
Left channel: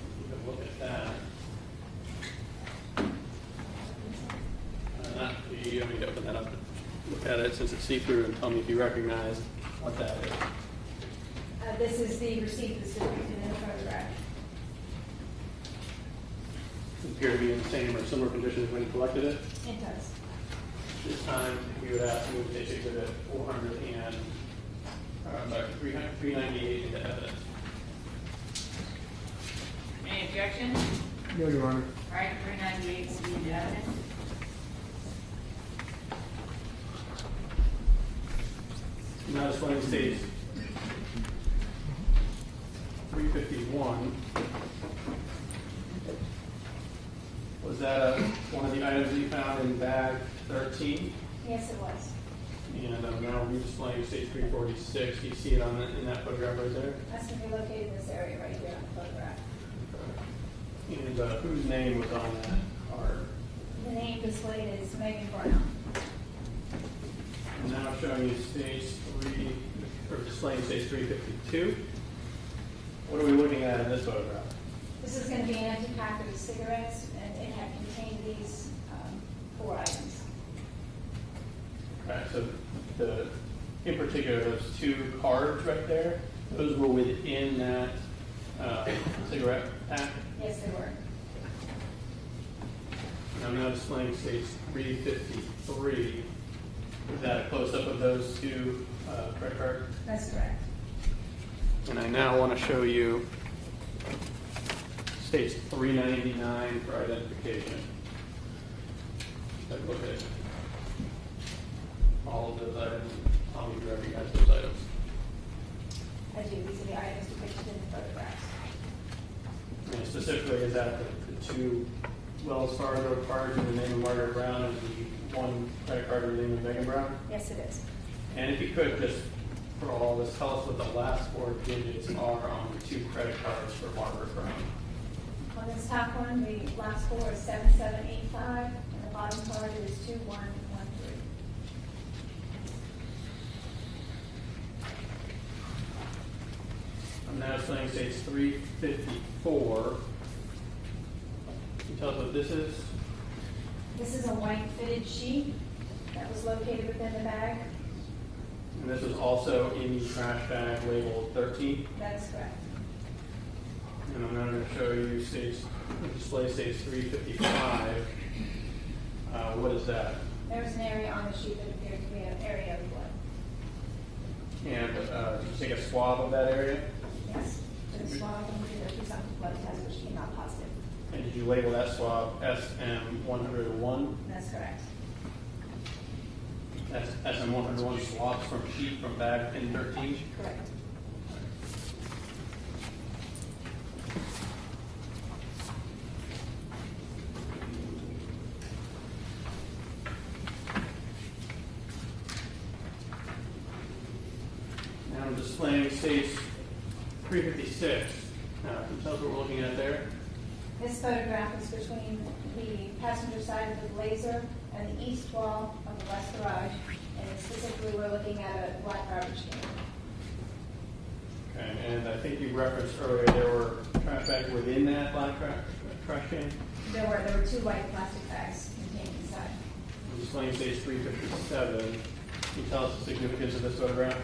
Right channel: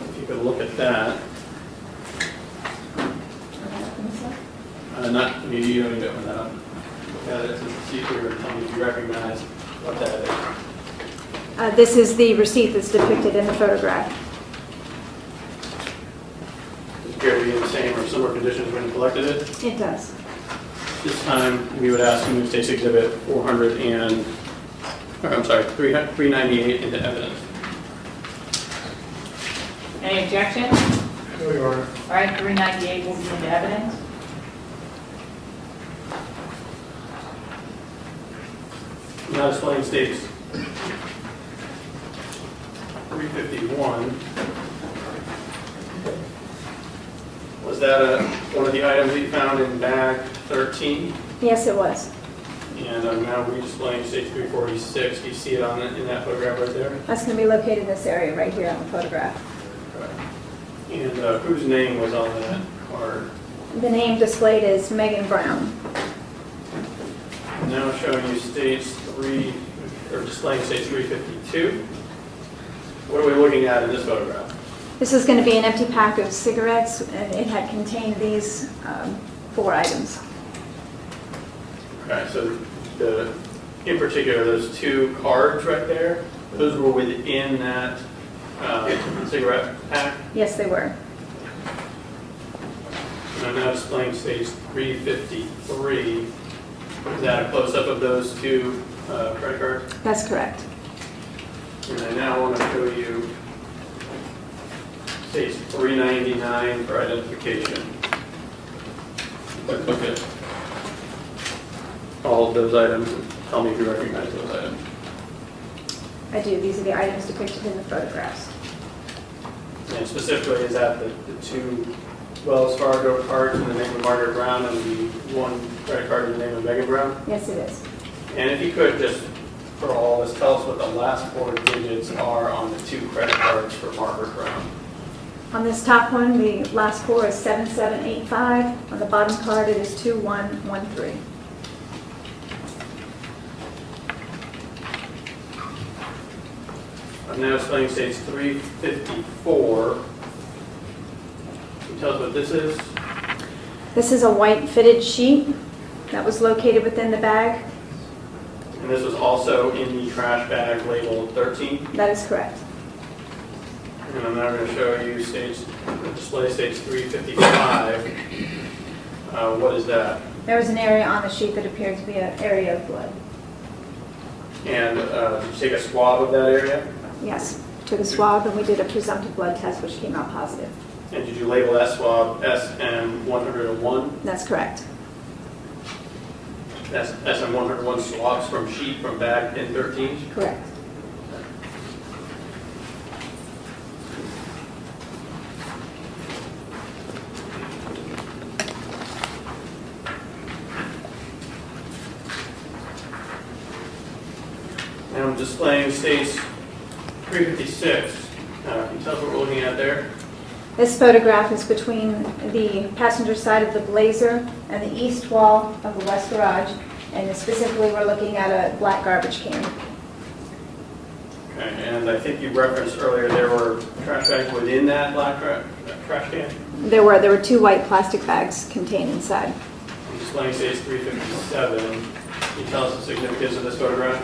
If you could look at that. Not, you don't need to open that up. Look at it since it's see-through and tell me if you recognize what that is. This is the receipt that's depicted in the photograph. Appear to be in the same or similar conditions when you collected it. It does. This time, we would ask you to move State's Exhibit 398 into evidence. Any objection? No, Your Honor. All right, 398 will be into evidence. Now displaying State's 351. Was that one of the items that you found in bag 13? Yes, it was. And I'm now redisplaying State 346. Do you see it in that photograph right there? That's going to be located in this area right here on the photograph. And whose name was on that card? The name displayed is Megan Brown. Now showing you displaying State 352. What are we looking at in this photograph? This is going to be an empty pack of cigarettes, and it had contained these 4 items. Okay, so in particular, those 2 cards right there, those were within that cigarette pack. Yes, they were. And I'm now displaying State 353. Is that a close-up of those 2 credit cards? That's correct. And I now want to show you State 399 for identification. Look at all of those items and tell me if you recognize those items. I do. These are the items depicted in the photographs. And specifically, is that the 2 Wells Fargo cards in the name of Margaret Brown and the 1 credit card in the name of Megan Brown? Yes, it is. And if you could just, for all of us, tell us what the last 4 digits are on the 2 credit cards for Margaret Brown. On this top one, the last 4 is 7785. On the bottom card, it is 2113. I'm now displaying States 354. Can you tell us what this is? This is a white fitted sheet that was located within the bag. And this was also in the trash bag labeled 13. That is correct. And I'm now going to show you display States 355. What is that? There was an area on the sheet that appeared to be an area of blood. And did you take a swab of that area? Yes. took a swab, and we did a presumptive blood test, which came out positive. And did you label that swab SM101? That's correct. That's SM101 swabs from sheet from bag pin 13? Correct. Now I'm displaying states 356. Can you tell us what we're looking at there? This photograph is between the passenger side of the Blazer and the east wall of the west garage, and specifically we're looking at a black garbage can. Okay, and I think you referenced earlier there were trash bags within that black trash can. There were 2 white plastic bags contained inside. I'm displaying states 357. Can you tell us the significance of this photograph?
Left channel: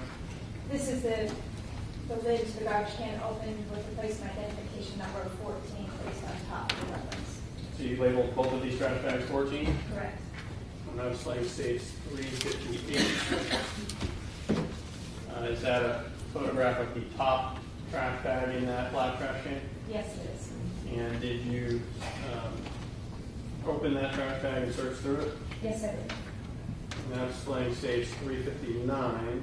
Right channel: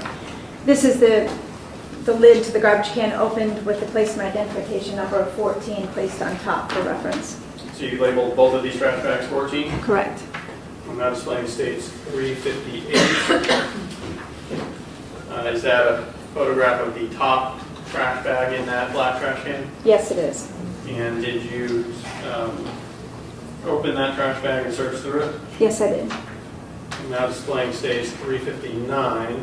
This is the lid to the garbage can opened with the placement identification number of 14 placed on top for reference. So you labeled both of these trash bags 14? Correct. I'm now displaying states 358. Is that a photograph of the top trash bag in that black trash can? Yes, it is. And did you open that trash bag and search through it? Yes, I did. I'm now displaying states 359.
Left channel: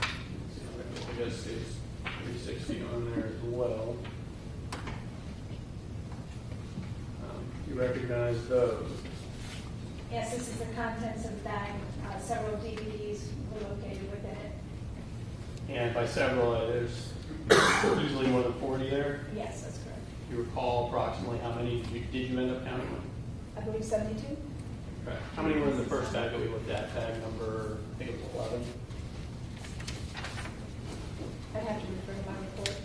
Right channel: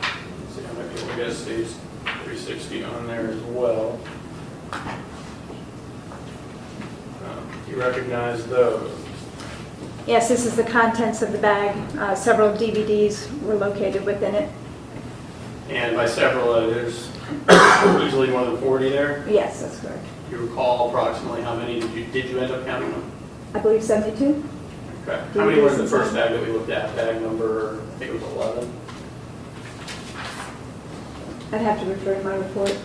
Let's see, I might be able to get states 360 on there as well. Do you recognize those? Yes, this is the contents of the bag. Several DVDs were located within it. And by several, there's easily more than 40 there. Yes, that's correct. Do you recall approximately how many did you end up counting them? I believe 72. Okay. How many were in the first bag that we looked at? Bag number, I think it was 11. I'd have to refer to my report.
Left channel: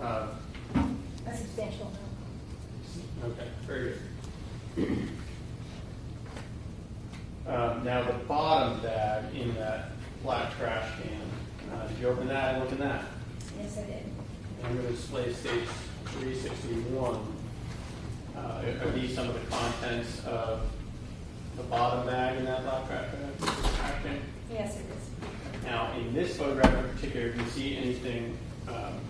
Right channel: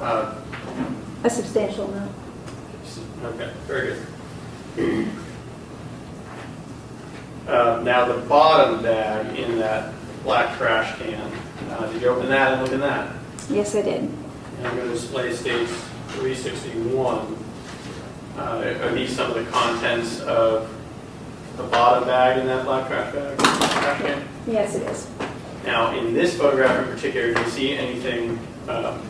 Okay. A substantial amount. Okay, very good. Now the bottom bag in that black trash can, did you open that and look in that? Yes, I did. And I'm going to display states 361. Are these some of the contents of the bottom bag in that black trash can? Yes, it is. Now, in this photograph in particular, do you see anything of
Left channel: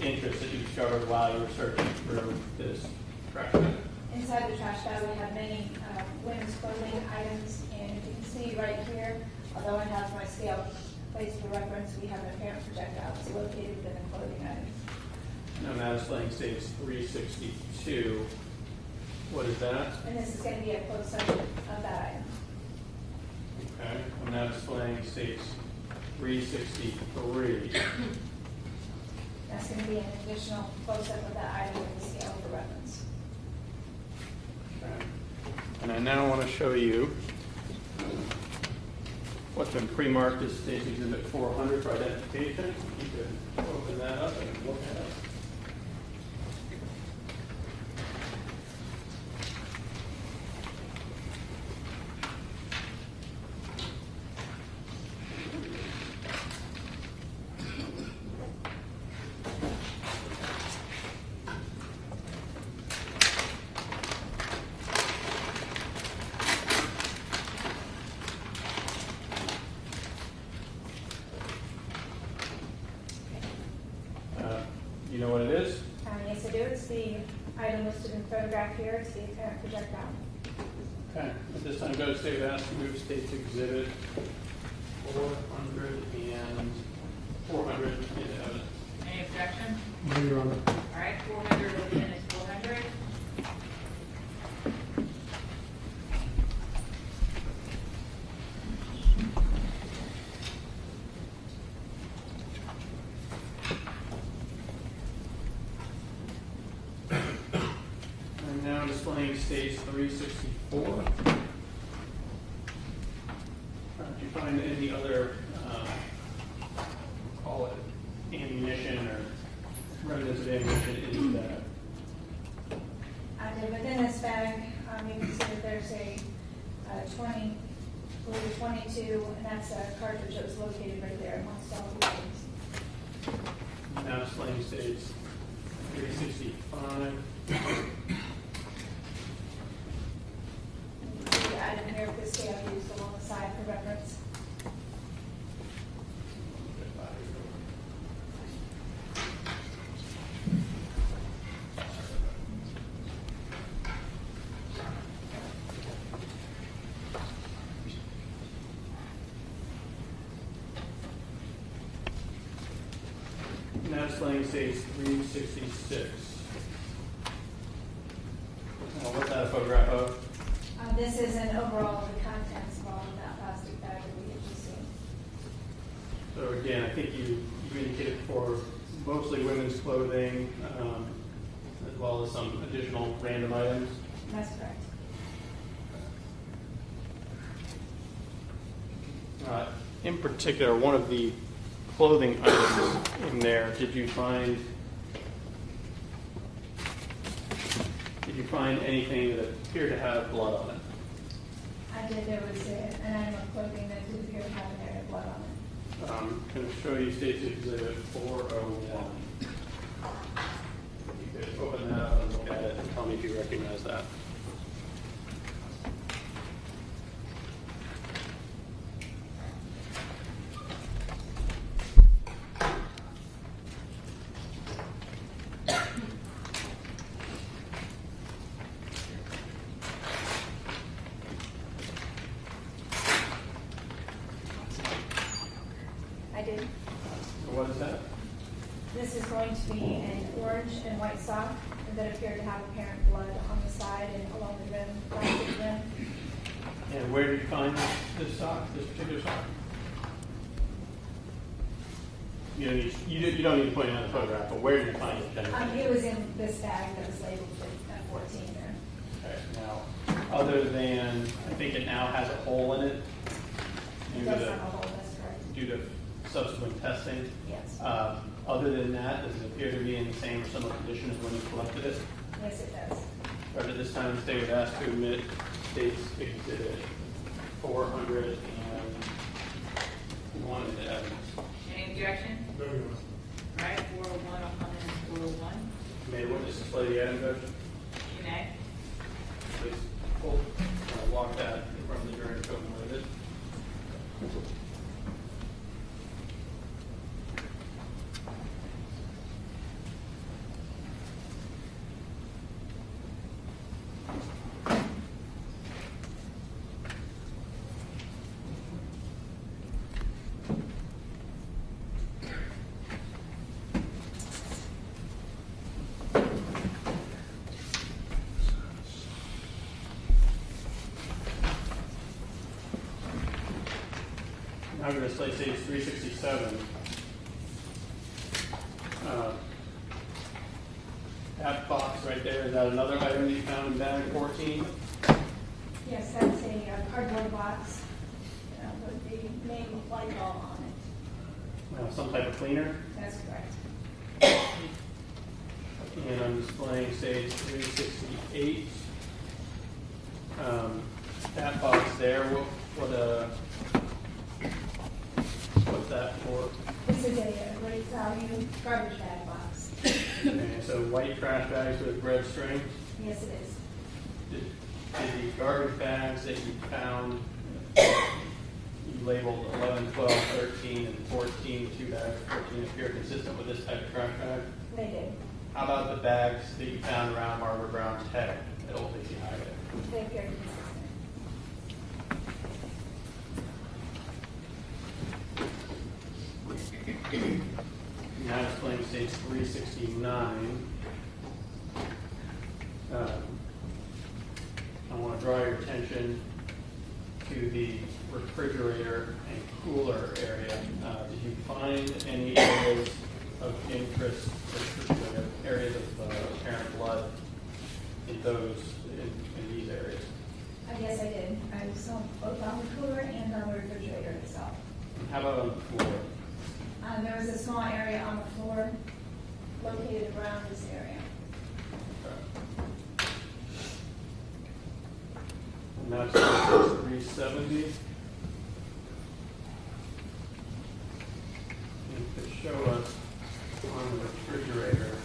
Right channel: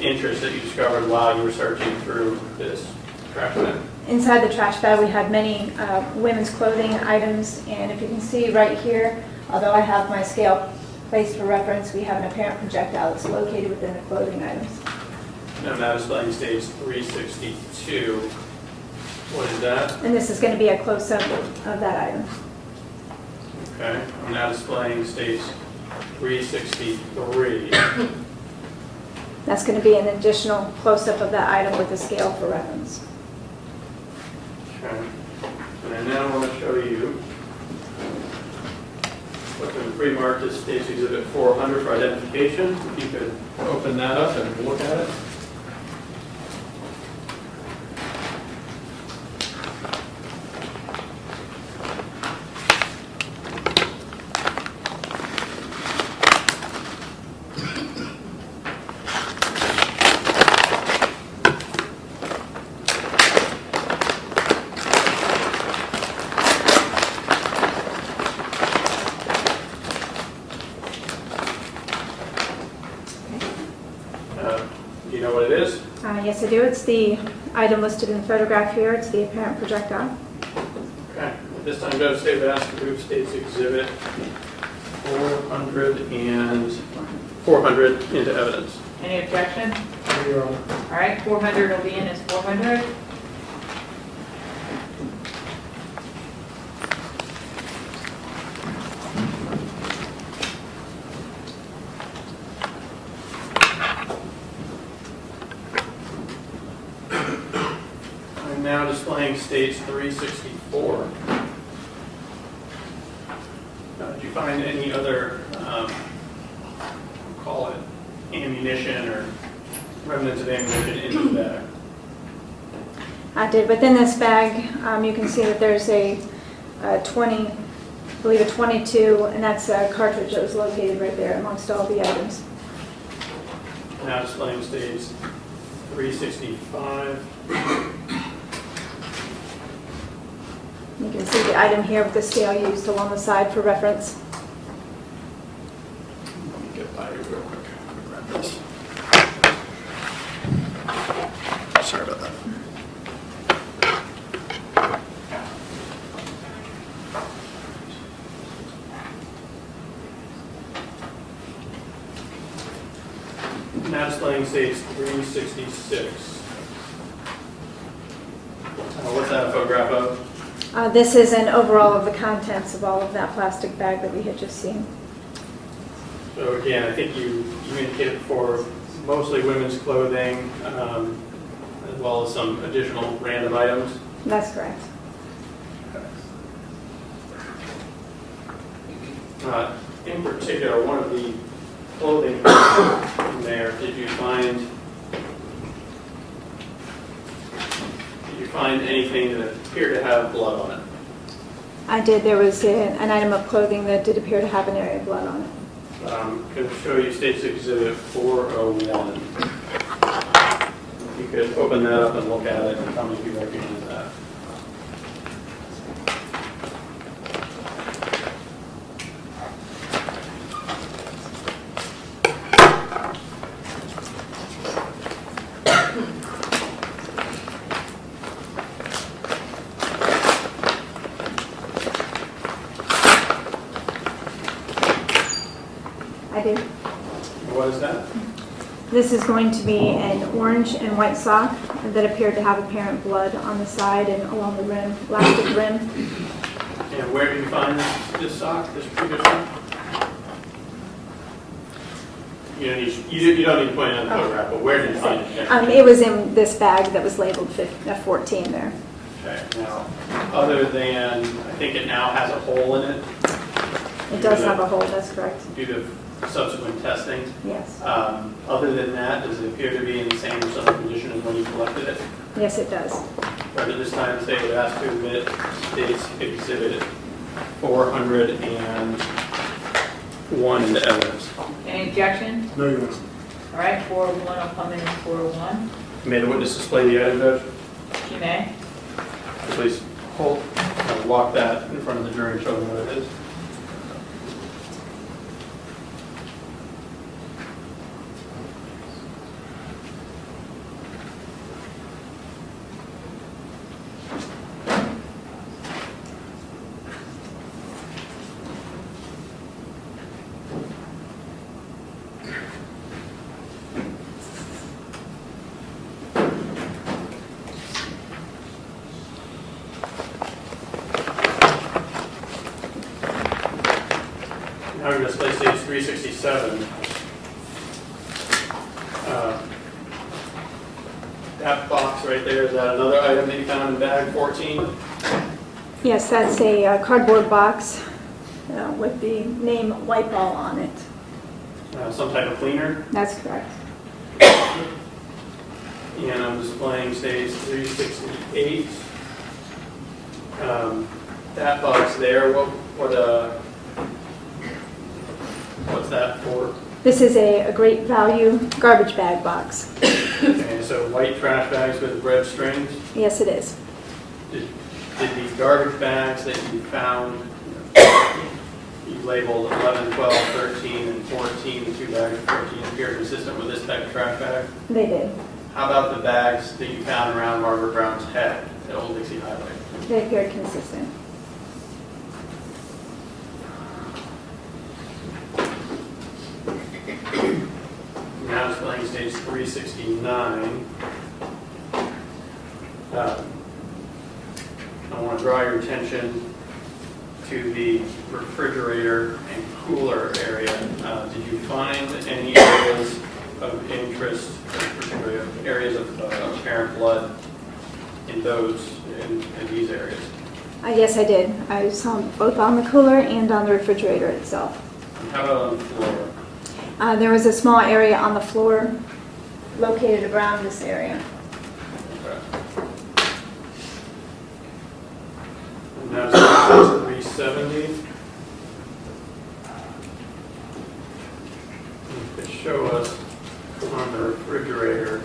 interest that you discovered while you were searching through this trash bag? Inside the trash bag, we had many women's clothing items, and if you can see right here, although I have my scale placed for reference, we have an apparent projectile that's located within the clothing items. I'm now displaying states 362. What is that? And this is going to be a close-up of that item. Okay, I'm now displaying states 363. That's going to be an additional close-up of that item with a scale for reference. Okay, and I now want to show you what's been pre-marked as States Exhibit 400 for identification. If you could open that up and look at it. Do you know what it is? Yes, I do. It's the item listed in the photograph here. It's the apparent projectile. Okay. At this time, Judge State would ask to move States Exhibit 400 into evidence. Any objection? No, Your Honor. All right, 400 will be in as 400. I'm now displaying States 364. Did you find any other, call it ammunition or remnants of ammunition in the bag? I did. Within this bag, you can see that there's a 20, I believe a 22, and that's a cartridge that was located right there amongst all the items. Now displaying States 365. You can see the item here with the scale used along the side for reference. Get by you real quick. Grab this. Sorry about that. Now displaying stage 366. What's that a photograph of? This is an overall of the contents of all of that plastic bag that we had just seen. So again, I think you indicated before, mostly women's clothing, as well as some additional random items. That's correct. In particular, one of the clothing in there, did you find anything that appeared to have blood on it? I did. There was an item of clothing that did appear to have an area of blood on it. I'm going to show you State's Exhibit 401. If you could open that up and look at it and tell me if you recognize that. I did. What is that? This is going to be an orange and white sock that appeared to have apparent blood on the side and along the rim, elastic rim. And where did you find this sock, this particular sock? You don't need to point out the photograph, but where did you find it? It was in this bag that was labeled 14 there. Okay, now, other than, I think it now has a hole in it. It does have a hole, that's correct. Due to subsequent testing. Yes. Other than that, does it appear to be in the same or similar condition as when you collected it? Yes, it does. Right at this time, the state would ask to admit State's Exhibit 401 into evidence. Any objection? No, Your Honor. All right, 401 will come in as 401. May the witness display the item, Judge? You may. Please hold, walk that in front of the jury and show them what it is. Now we're going to display stage 367. That box right there, is that another item that you found in bag 14? Yes, that's a cardboard box with the name White Ball on it. Some type of cleaner. That's correct. And I'm displaying stage 368. That box there, what's that for? This is a great value garbage bag box. Okay, so white trash bags with red strings. Yes, it is. Did the garbage bags that you found, you labeled 11, 12, 13, and 14, the two bags of 14 appear consistent with this type of trash bag? They did. How about the bags that you found around Margaret Brown's head at Old Dixie Highway? They appeared consistent. Now displaying stage 369. I want to draw your attention to the refrigerator and cooler area. Did you find any areas of interest, particularly areas of apparent blood in these areas? Yes, I did. I saw them both on the cooler and on the refrigerator itself. How about on the floor? There was a small area on the floor located around this area. Okay. And now it's 370. You could show us on the refrigerator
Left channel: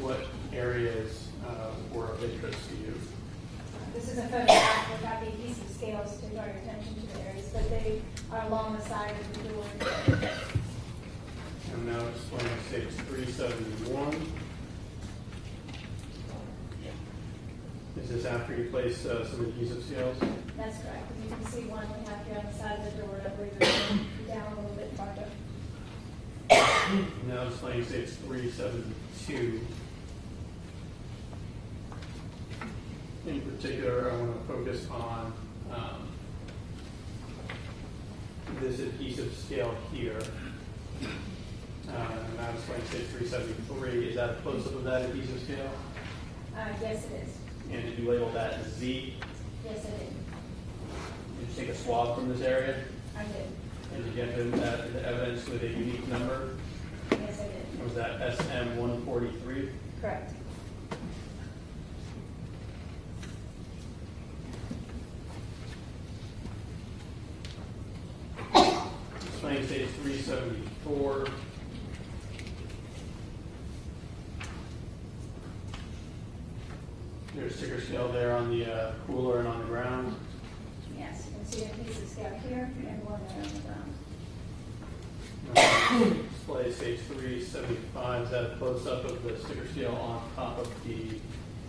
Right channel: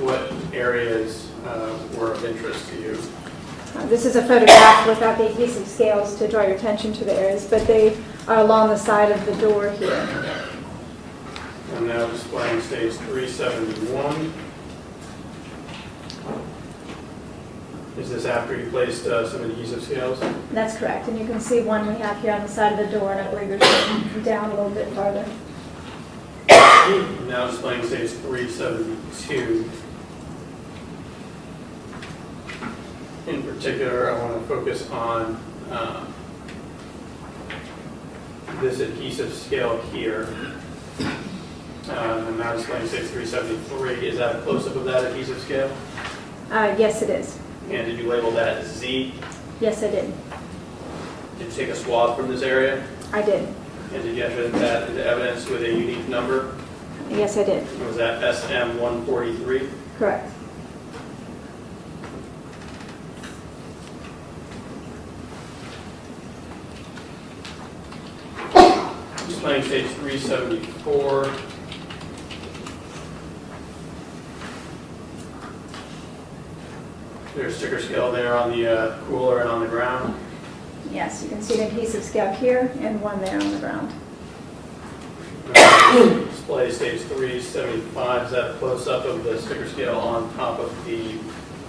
what areas were of interest to you. This This is a photograph without the adhesive scales to draw your attention to the areas, but they are along the side of the door here. I'm now displaying stage 371. Is this after you placed some adhesive scales? That's correct, and you can see one we have here on the side of the door, and I believe there's down a little bit farther. I'm now displaying stage 372. In particular, I want to focus on this adhesive scale here. I'm now displaying stage 373. Is that a close-up of that adhesive scale? Yes, it is. And did you label that Z? Yes, I did. Did you take a swab from this area? I did. And did you enter that into evidence with a unique number? Yes, I did. Was that SM143? Correct. Displaying stage 374. There's a sticker scale there on the cooler and on the ground. Yes, you can see the adhesive scale here and one there on the ground. Display stage 375. Is that a close-up of the sticker scale on top of the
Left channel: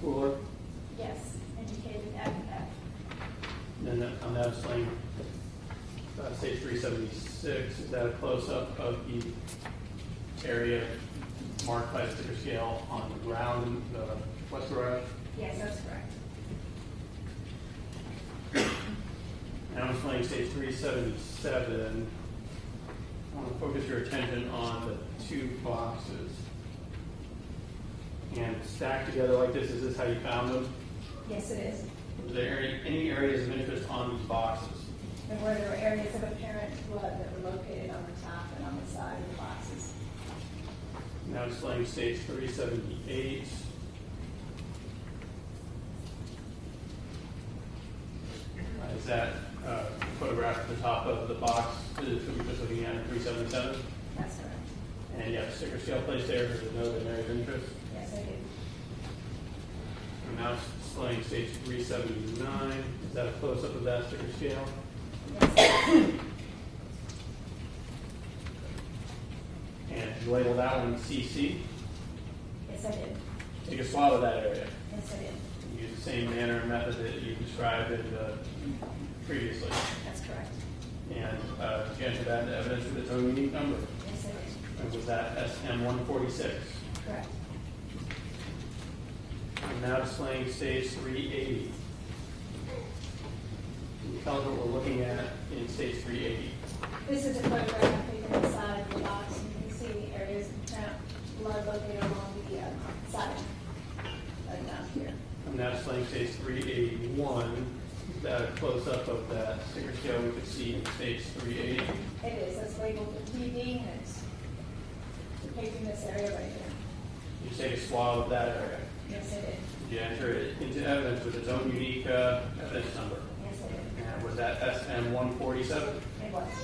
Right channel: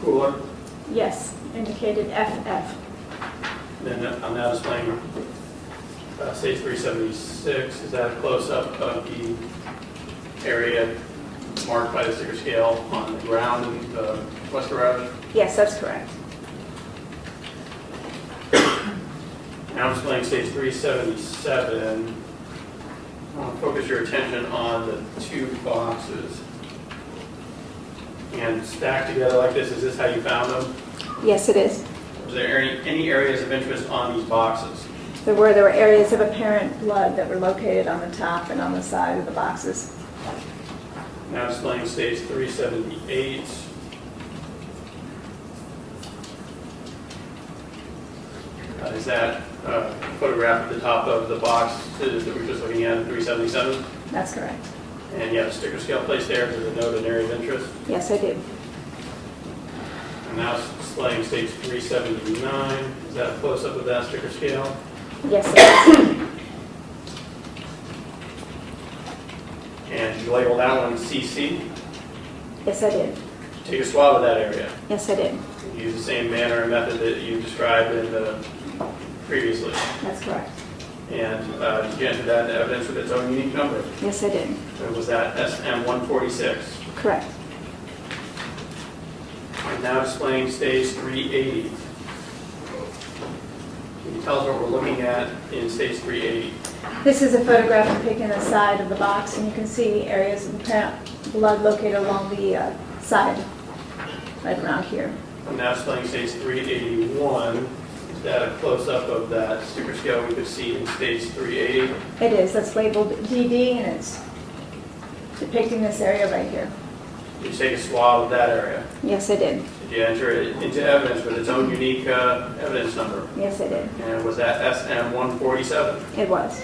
cooler? Yes, indicated FF. Then I'm now displaying stage 376. Is that a close-up of the area marked by the sticker scale on the ground in the west garage? Yes, that's correct. Now I'm displaying stage 377. I want to focus your attention on the two boxes. And stacked together like this, is this how you found them? Yes, it is. Was there any areas of interest on these boxes? There were areas of apparent blood that were located on the top and on the side of the boxes. Now displaying stage 378. Is that a photograph at the top of the box that we're just looking at, 377? That's correct. And you have a sticker scale placed there to denote an area of interest. Yes, I did. And now displaying stage 379. Is that a close-up of that sticker scale? Yes, it is. And did you label that one CC? Yes, I did. Take a swab of that area. Yes, I did. Use the same manner and method that you described in the previously. That's correct. And did you enter that into evidence with its own unique number? Yes, I did. And was that SM146? Correct. And now displaying stage 380. Can you tell us what we're looking at in stage 380? This is a photograph depicting the side of the box, and you can see areas of apparent blood located along the side, right around here. I'm now displaying stage 381. Is that a close-up of that sticker scale we could see in stage 380? It is. That's labeled DD, and it's depicting this area right here. Did you take a swab of that area? Yes, I did. Did you enter it into evidence with its own unique evidence number? Yes, I did. And was that SM147? It was.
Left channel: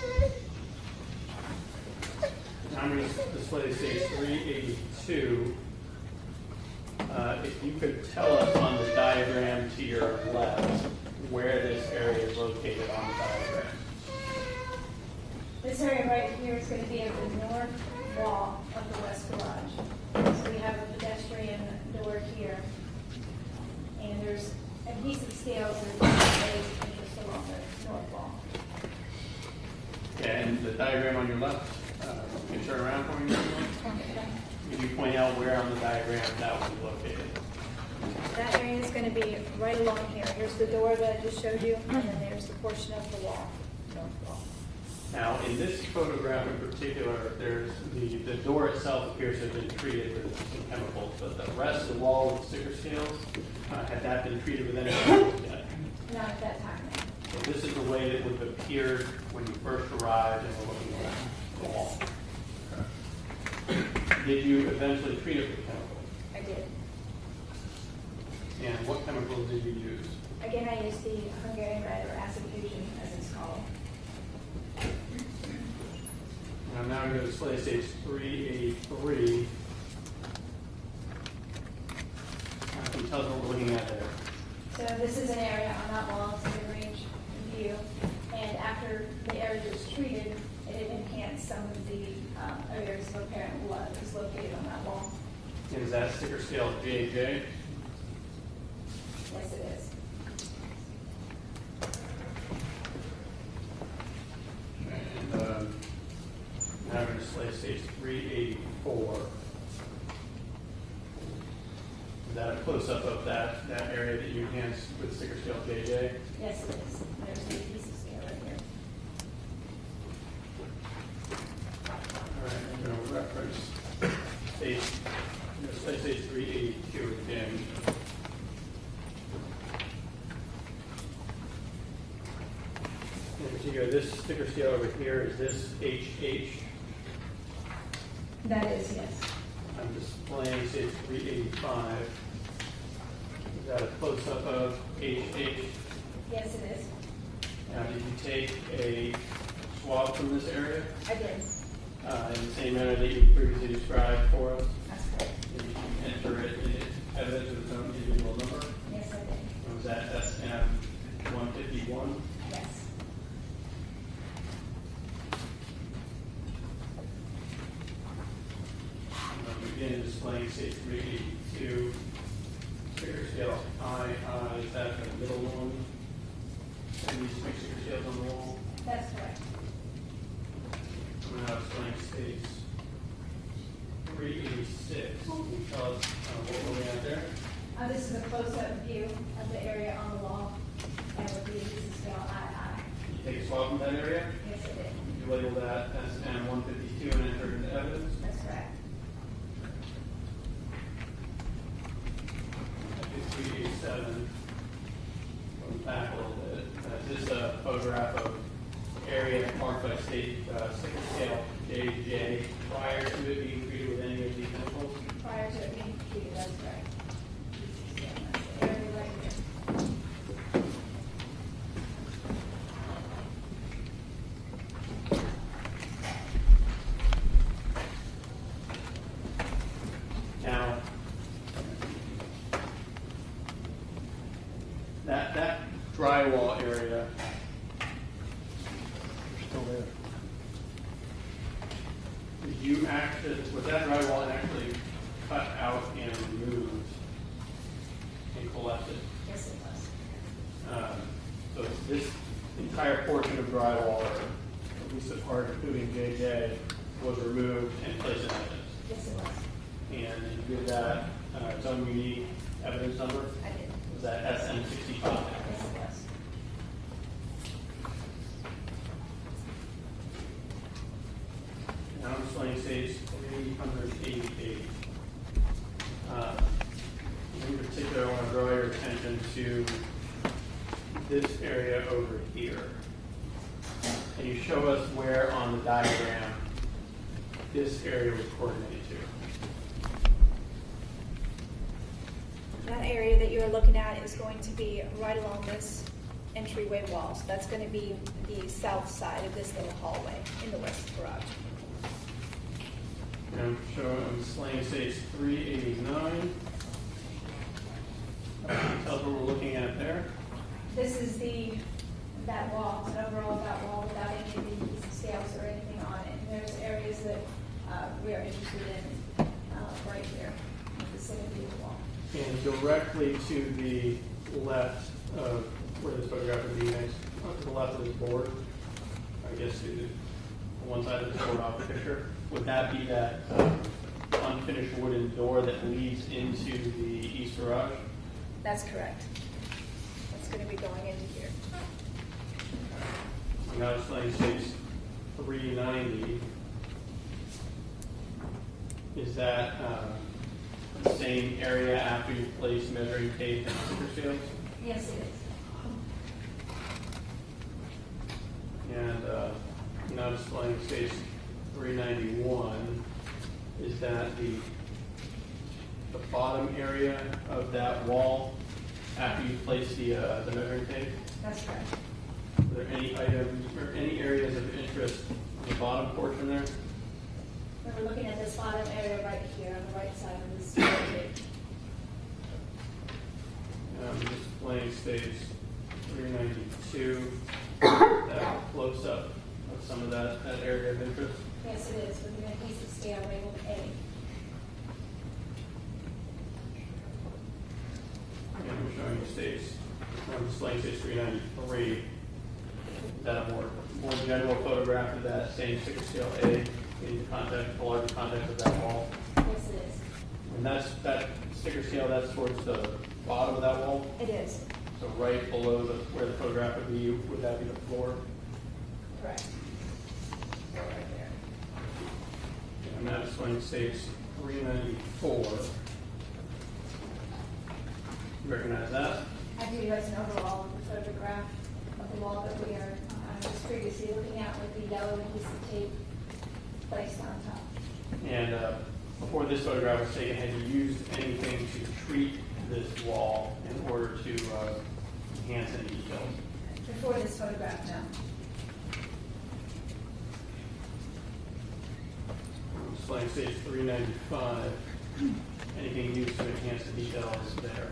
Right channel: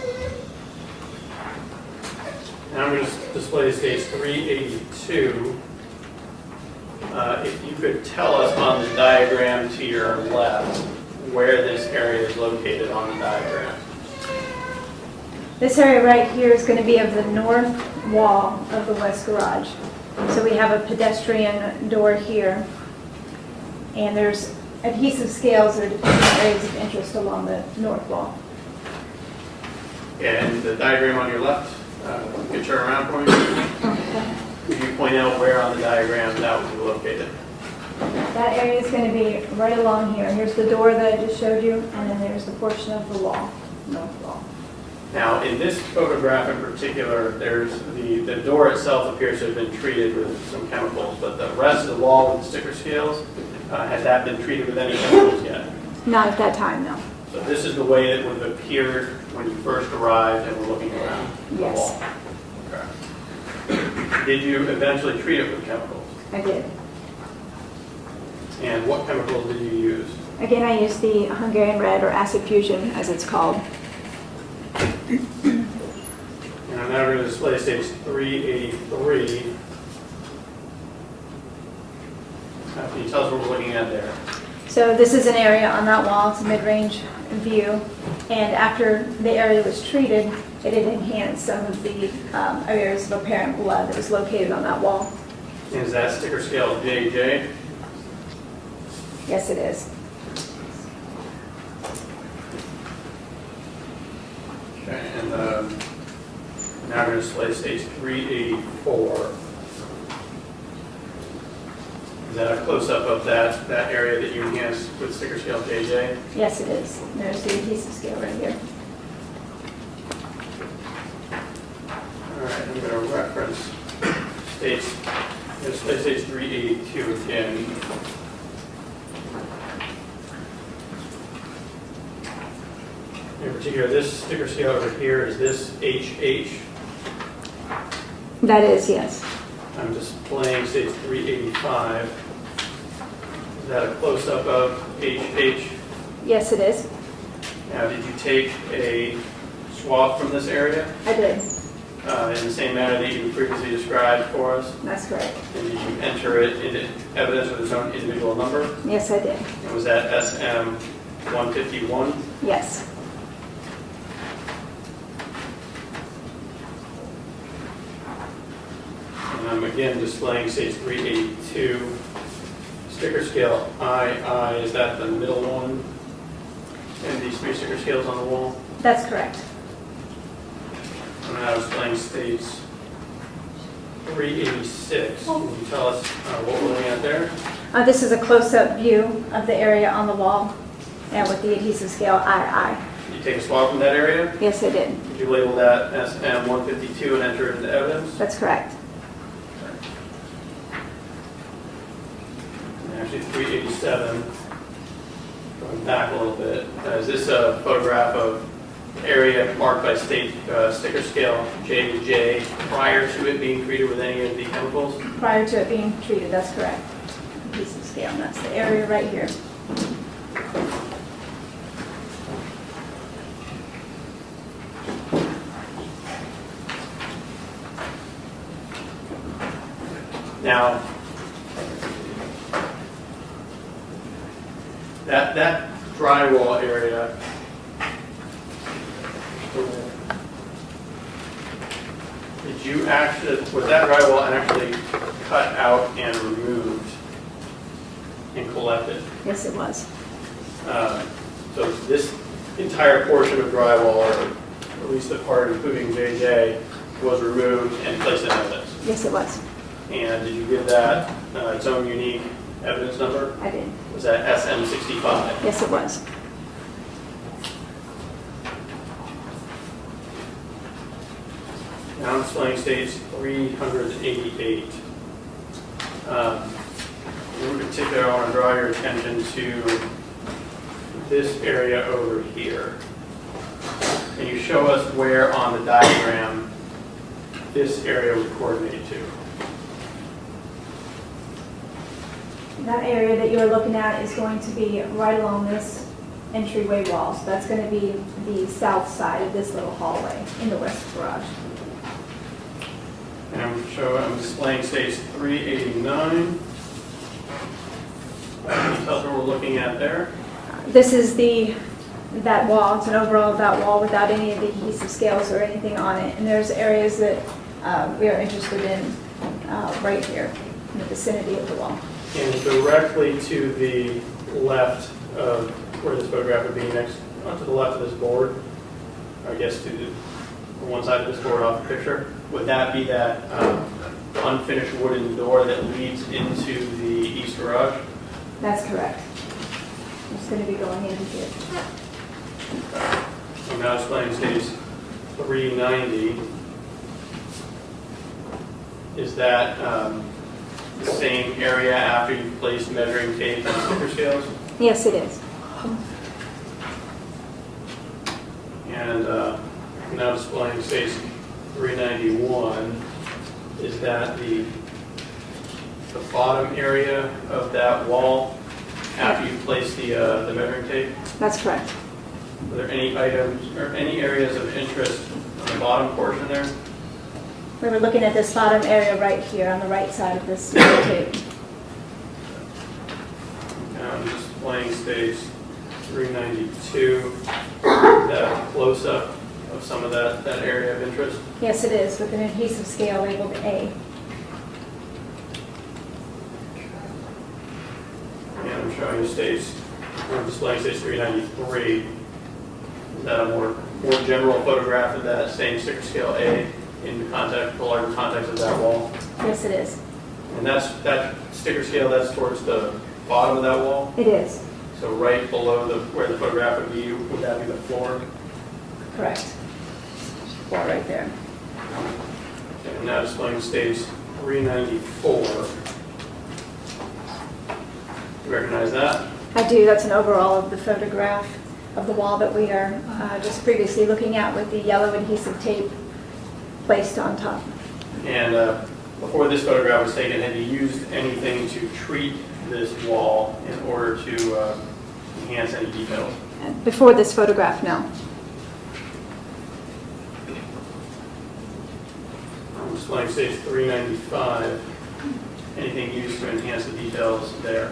Now I'm going to display stage 382. If you could tell us on the diagram to your left where this area is located on the diagram. This area right here is going to be of the north wall of the west garage. So we have a pedestrian door here, and there's adhesive scales that are depicting areas of interest along the north wall. And the diagram on your left, you can turn around for me. Could you point out where on the diagram that would be located? That area is going to be right along here. Here's the door that I just showed you, and then there's the portion of the wall, north wall. Now, in this photograph in particular, there's the door itself appears to have been treated with some chemicals, but the rest of the wall with the sticker scales, has that been treated with any chemicals yet? Not at that time, no. So this is the way it would have appeared when you first arrived and were looking around the Yes. wall? Okay. Did you eventually treat it with chemicals? I did. And what chemicals did you use? Again, I used the Hungarian red, or acid fusion, as it's called. And I'm now going to display stage 383. Can you tell us what we're looking at there? So this is an area on that wall, it's a mid-range view, and after the area was treated, it had enhanced some of the areas of apparent blood that was located on that wall. Is that sticker scale JJ? Yes, it is. Okay, and now we're going to display stage 384. Is that a close-up of that area that you enhanced with sticker scale JJ? Yes, it is. There's the adhesive scale right here. All right, I'm going to reference stage, display stage 382 again. In particular, this sticker scale over here, is this HH? That is, yes. I'm displaying stage 385. Is that a close-up of HH? Yes, it is. Now, did you take a swab from this area I did. in the same manner that you previously described for us? That's correct. And did you enter it into evidence with its own individual number? Yes, I did. And was that SM 151? Yes. And I'm again displaying stage 382. Sticker scale II, is that the middle one? And these three sticker scales on the wall? That's correct. I'm now displaying stage 386. Can you tell us what we're looking at there? This is a close-up view of the area on the wall and with the adhesive scale II. Did you take a swab from that area? Yes, I did. Did you label that SM 152 and enter it into evidence? That's correct. And actually 387, going back a little bit, is this a photograph of area marked by state sticker scale J to J prior to it being treated with any of the chemicals? Prior to it being treated, that's correct. Adhesive scale, and that's the area right here. Now, that drywall area, did you actually, was that drywall actually cut out and removed and collected? Yes, it was. So this entire portion of drywall, or at least the part including JJ, was removed and placed in evidence? Yes, it was. And did you give that its own unique evidence number? I did. Was that SM65? Yes, it was. Now I'm displaying stage 388. In particular, I want to draw your attention to this area over here. Can you show us where on the diagram this area would coordinate to? That area that you're looking at is going to be right along this entryway wall. So that's going to be the south side of this little hallway in the west garage. And I'm displaying stage 389. Can you tell us what we're looking at there? This is that wall. It's an overall of that wall without any of the adhesive scales or anything on it. And there's areas that we are interested in right here in the vicinity of the wall. And directly to the left of where this photograph would be next, to the left of this board, I guess to the one side of this board off the picture, would that be that unfinished wooden door that leads into the east garage? That's correct. It's going to be going into here. I'm now displaying stage 390. Is that the same area after you've placed measuring tape and sticker scales? Yes, it is. And I'm now displaying stage 391. Is that the bottom area of that wall after you place the measuring tape? That's correct. Are there any items or any areas of interest on the bottom portion there? We were looking at this bottom area right here on the right side of this tape. And I'm displaying displaying stage 392. That close-up of some of that area of interest. Yes, it is, with an adhesive scale labeled A. And I'm showing you I'm displaying stage 393. Is that a more general photograph of that same sticker scale A in the larger context of that wall? Yes, it is. And that sticker scale, that's towards the bottom of that wall? It is, So right below where the photograph would be, would that be the floor? correct. Wall right there. Okay, I'm now displaying stage 394. You recognize that? I do, that's an overall of the photograph of the wall that we are just previously looking at with the yellow adhesive tape placed on top. And before this photograph was taken, had you used anything to treat this wall in order to enhance any details? Before this photograph, no. I'm displaying stage 395. Anything used to enhance the details there?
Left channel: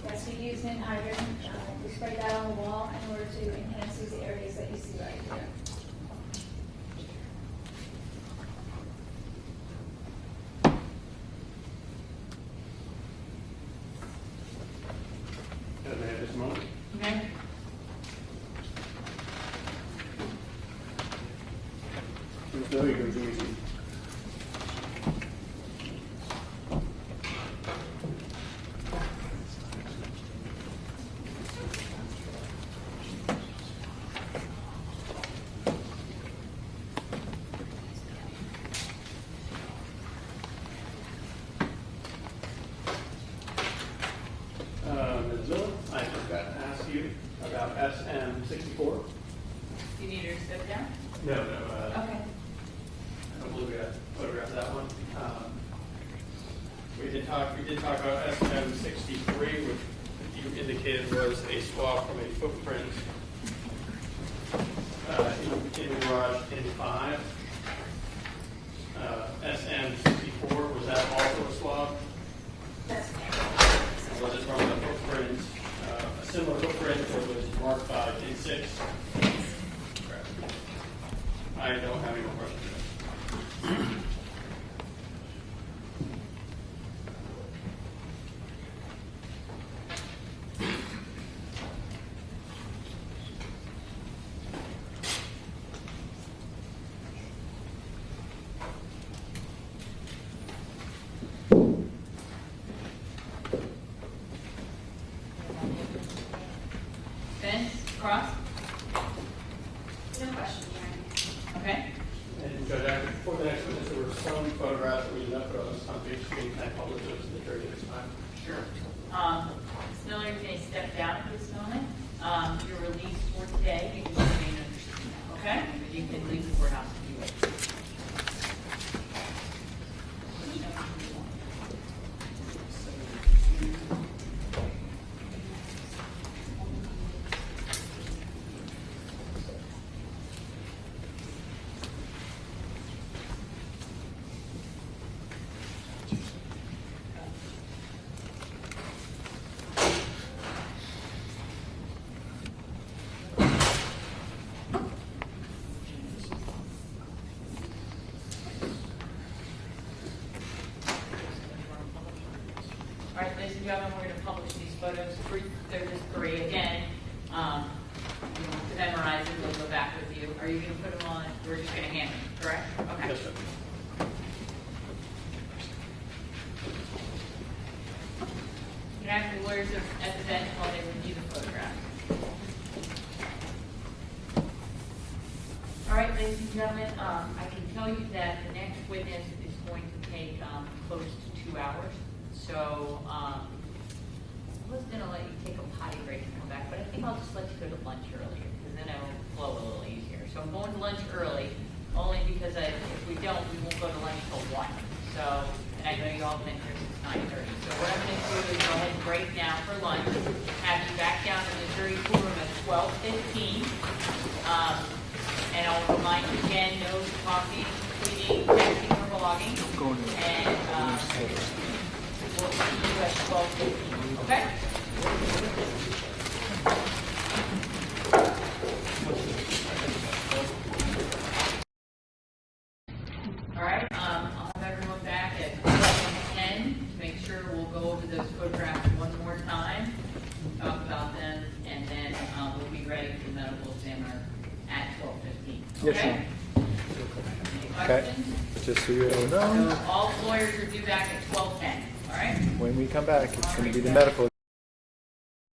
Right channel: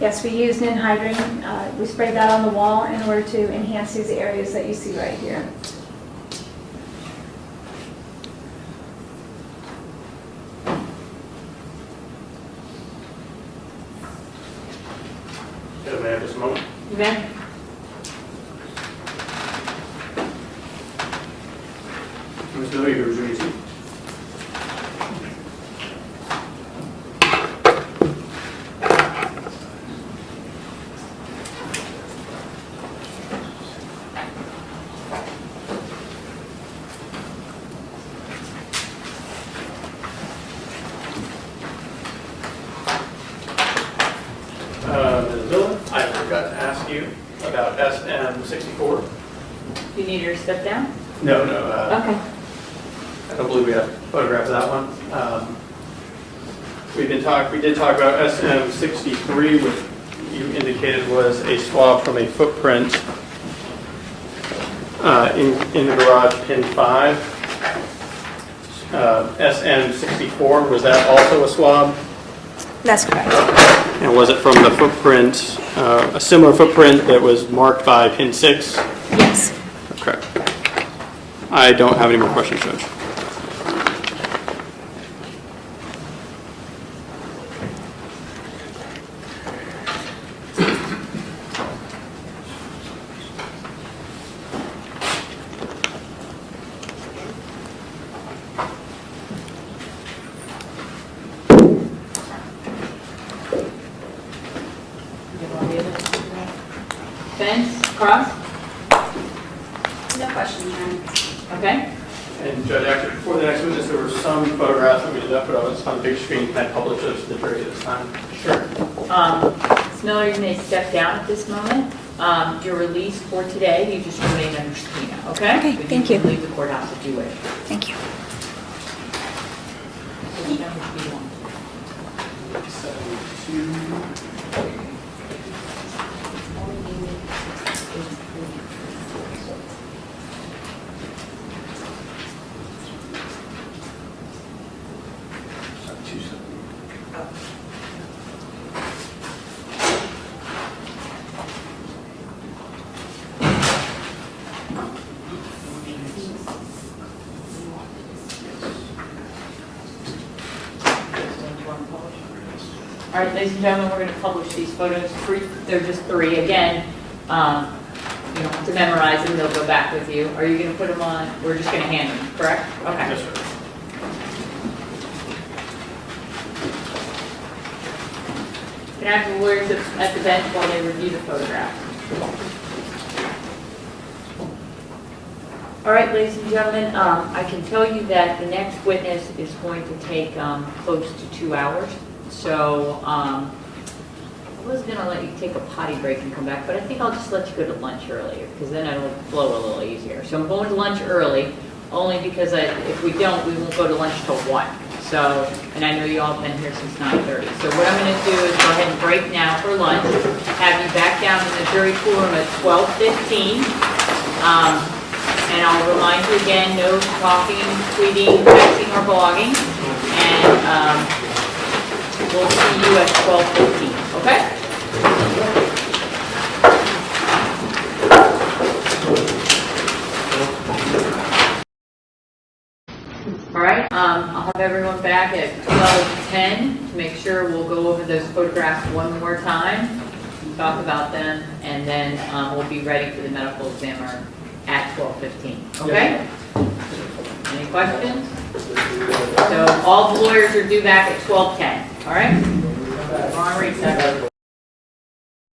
Yes, we used anhydrine. We sprayed that on the wall in order to enhance these areas that you see right here. Okay, may I have just a moment? You may. Ms. Miller, you resume your seat. Ms. Miller, I forgot to ask you about SM64. Do you need her to step down? No, Okay. I don't believe we have a photograph of that one. We did talk about SM63, which you indicated was a swab from a footprint in the garage, pin 5. SM64, was that also a swab? That's correct. And was it from the footprint, a similar footprint that was marked by pin 6? Yes. Okay. I don't have any more questions, Judge. Fence, cross? No question, Your Honor. Okay. And Judge, actually, before the next witness, there were some photographs that we did not put on the big screen. Can I publish those to the jury at this time? Sure. Ms. Miller, you may step down at this moment. You're released for today. You just remain under subpoena, okay? Okay, But thank can you. leave the courthouse if you wish. Thank you. Which number do you want? 72. All right, ladies and gentlemen, we're going to publish these photos. They're just 3. Again, you don't have to memorize them. They'll go back with you. Are you going to put them on? We're just going to hand them, correct? Okay. Yes, sir. Can I have the lawyers at the bench while they review the photograph? All right, ladies and gentlemen, I can tell you that the next witness is going to take close to 2 hours. So I was going to let you take a potty break and come back, but I think I'll just let you go to lunch earlier because then it'll flow a little easier. So I'm going to lunch early only because if we don't, we won't go to lunch till 1. So, and I know you all have been here since 9:30. So what I'm going to do is go ahead and break now for lunch, have you back down in the jury pool room at 12:15. And I'll remind you again, no talking, tweeting, texting, or blogging. And we'll see you at 12:15, okay? I'll have everyone back at 12:10 to make sure we'll go over those photographs one more time, talk about them, and then we'll be ready for the medical examiner at 12:15. Okay? Any questions? So all the lawyers are due back at 12:10. All right? We're on recess.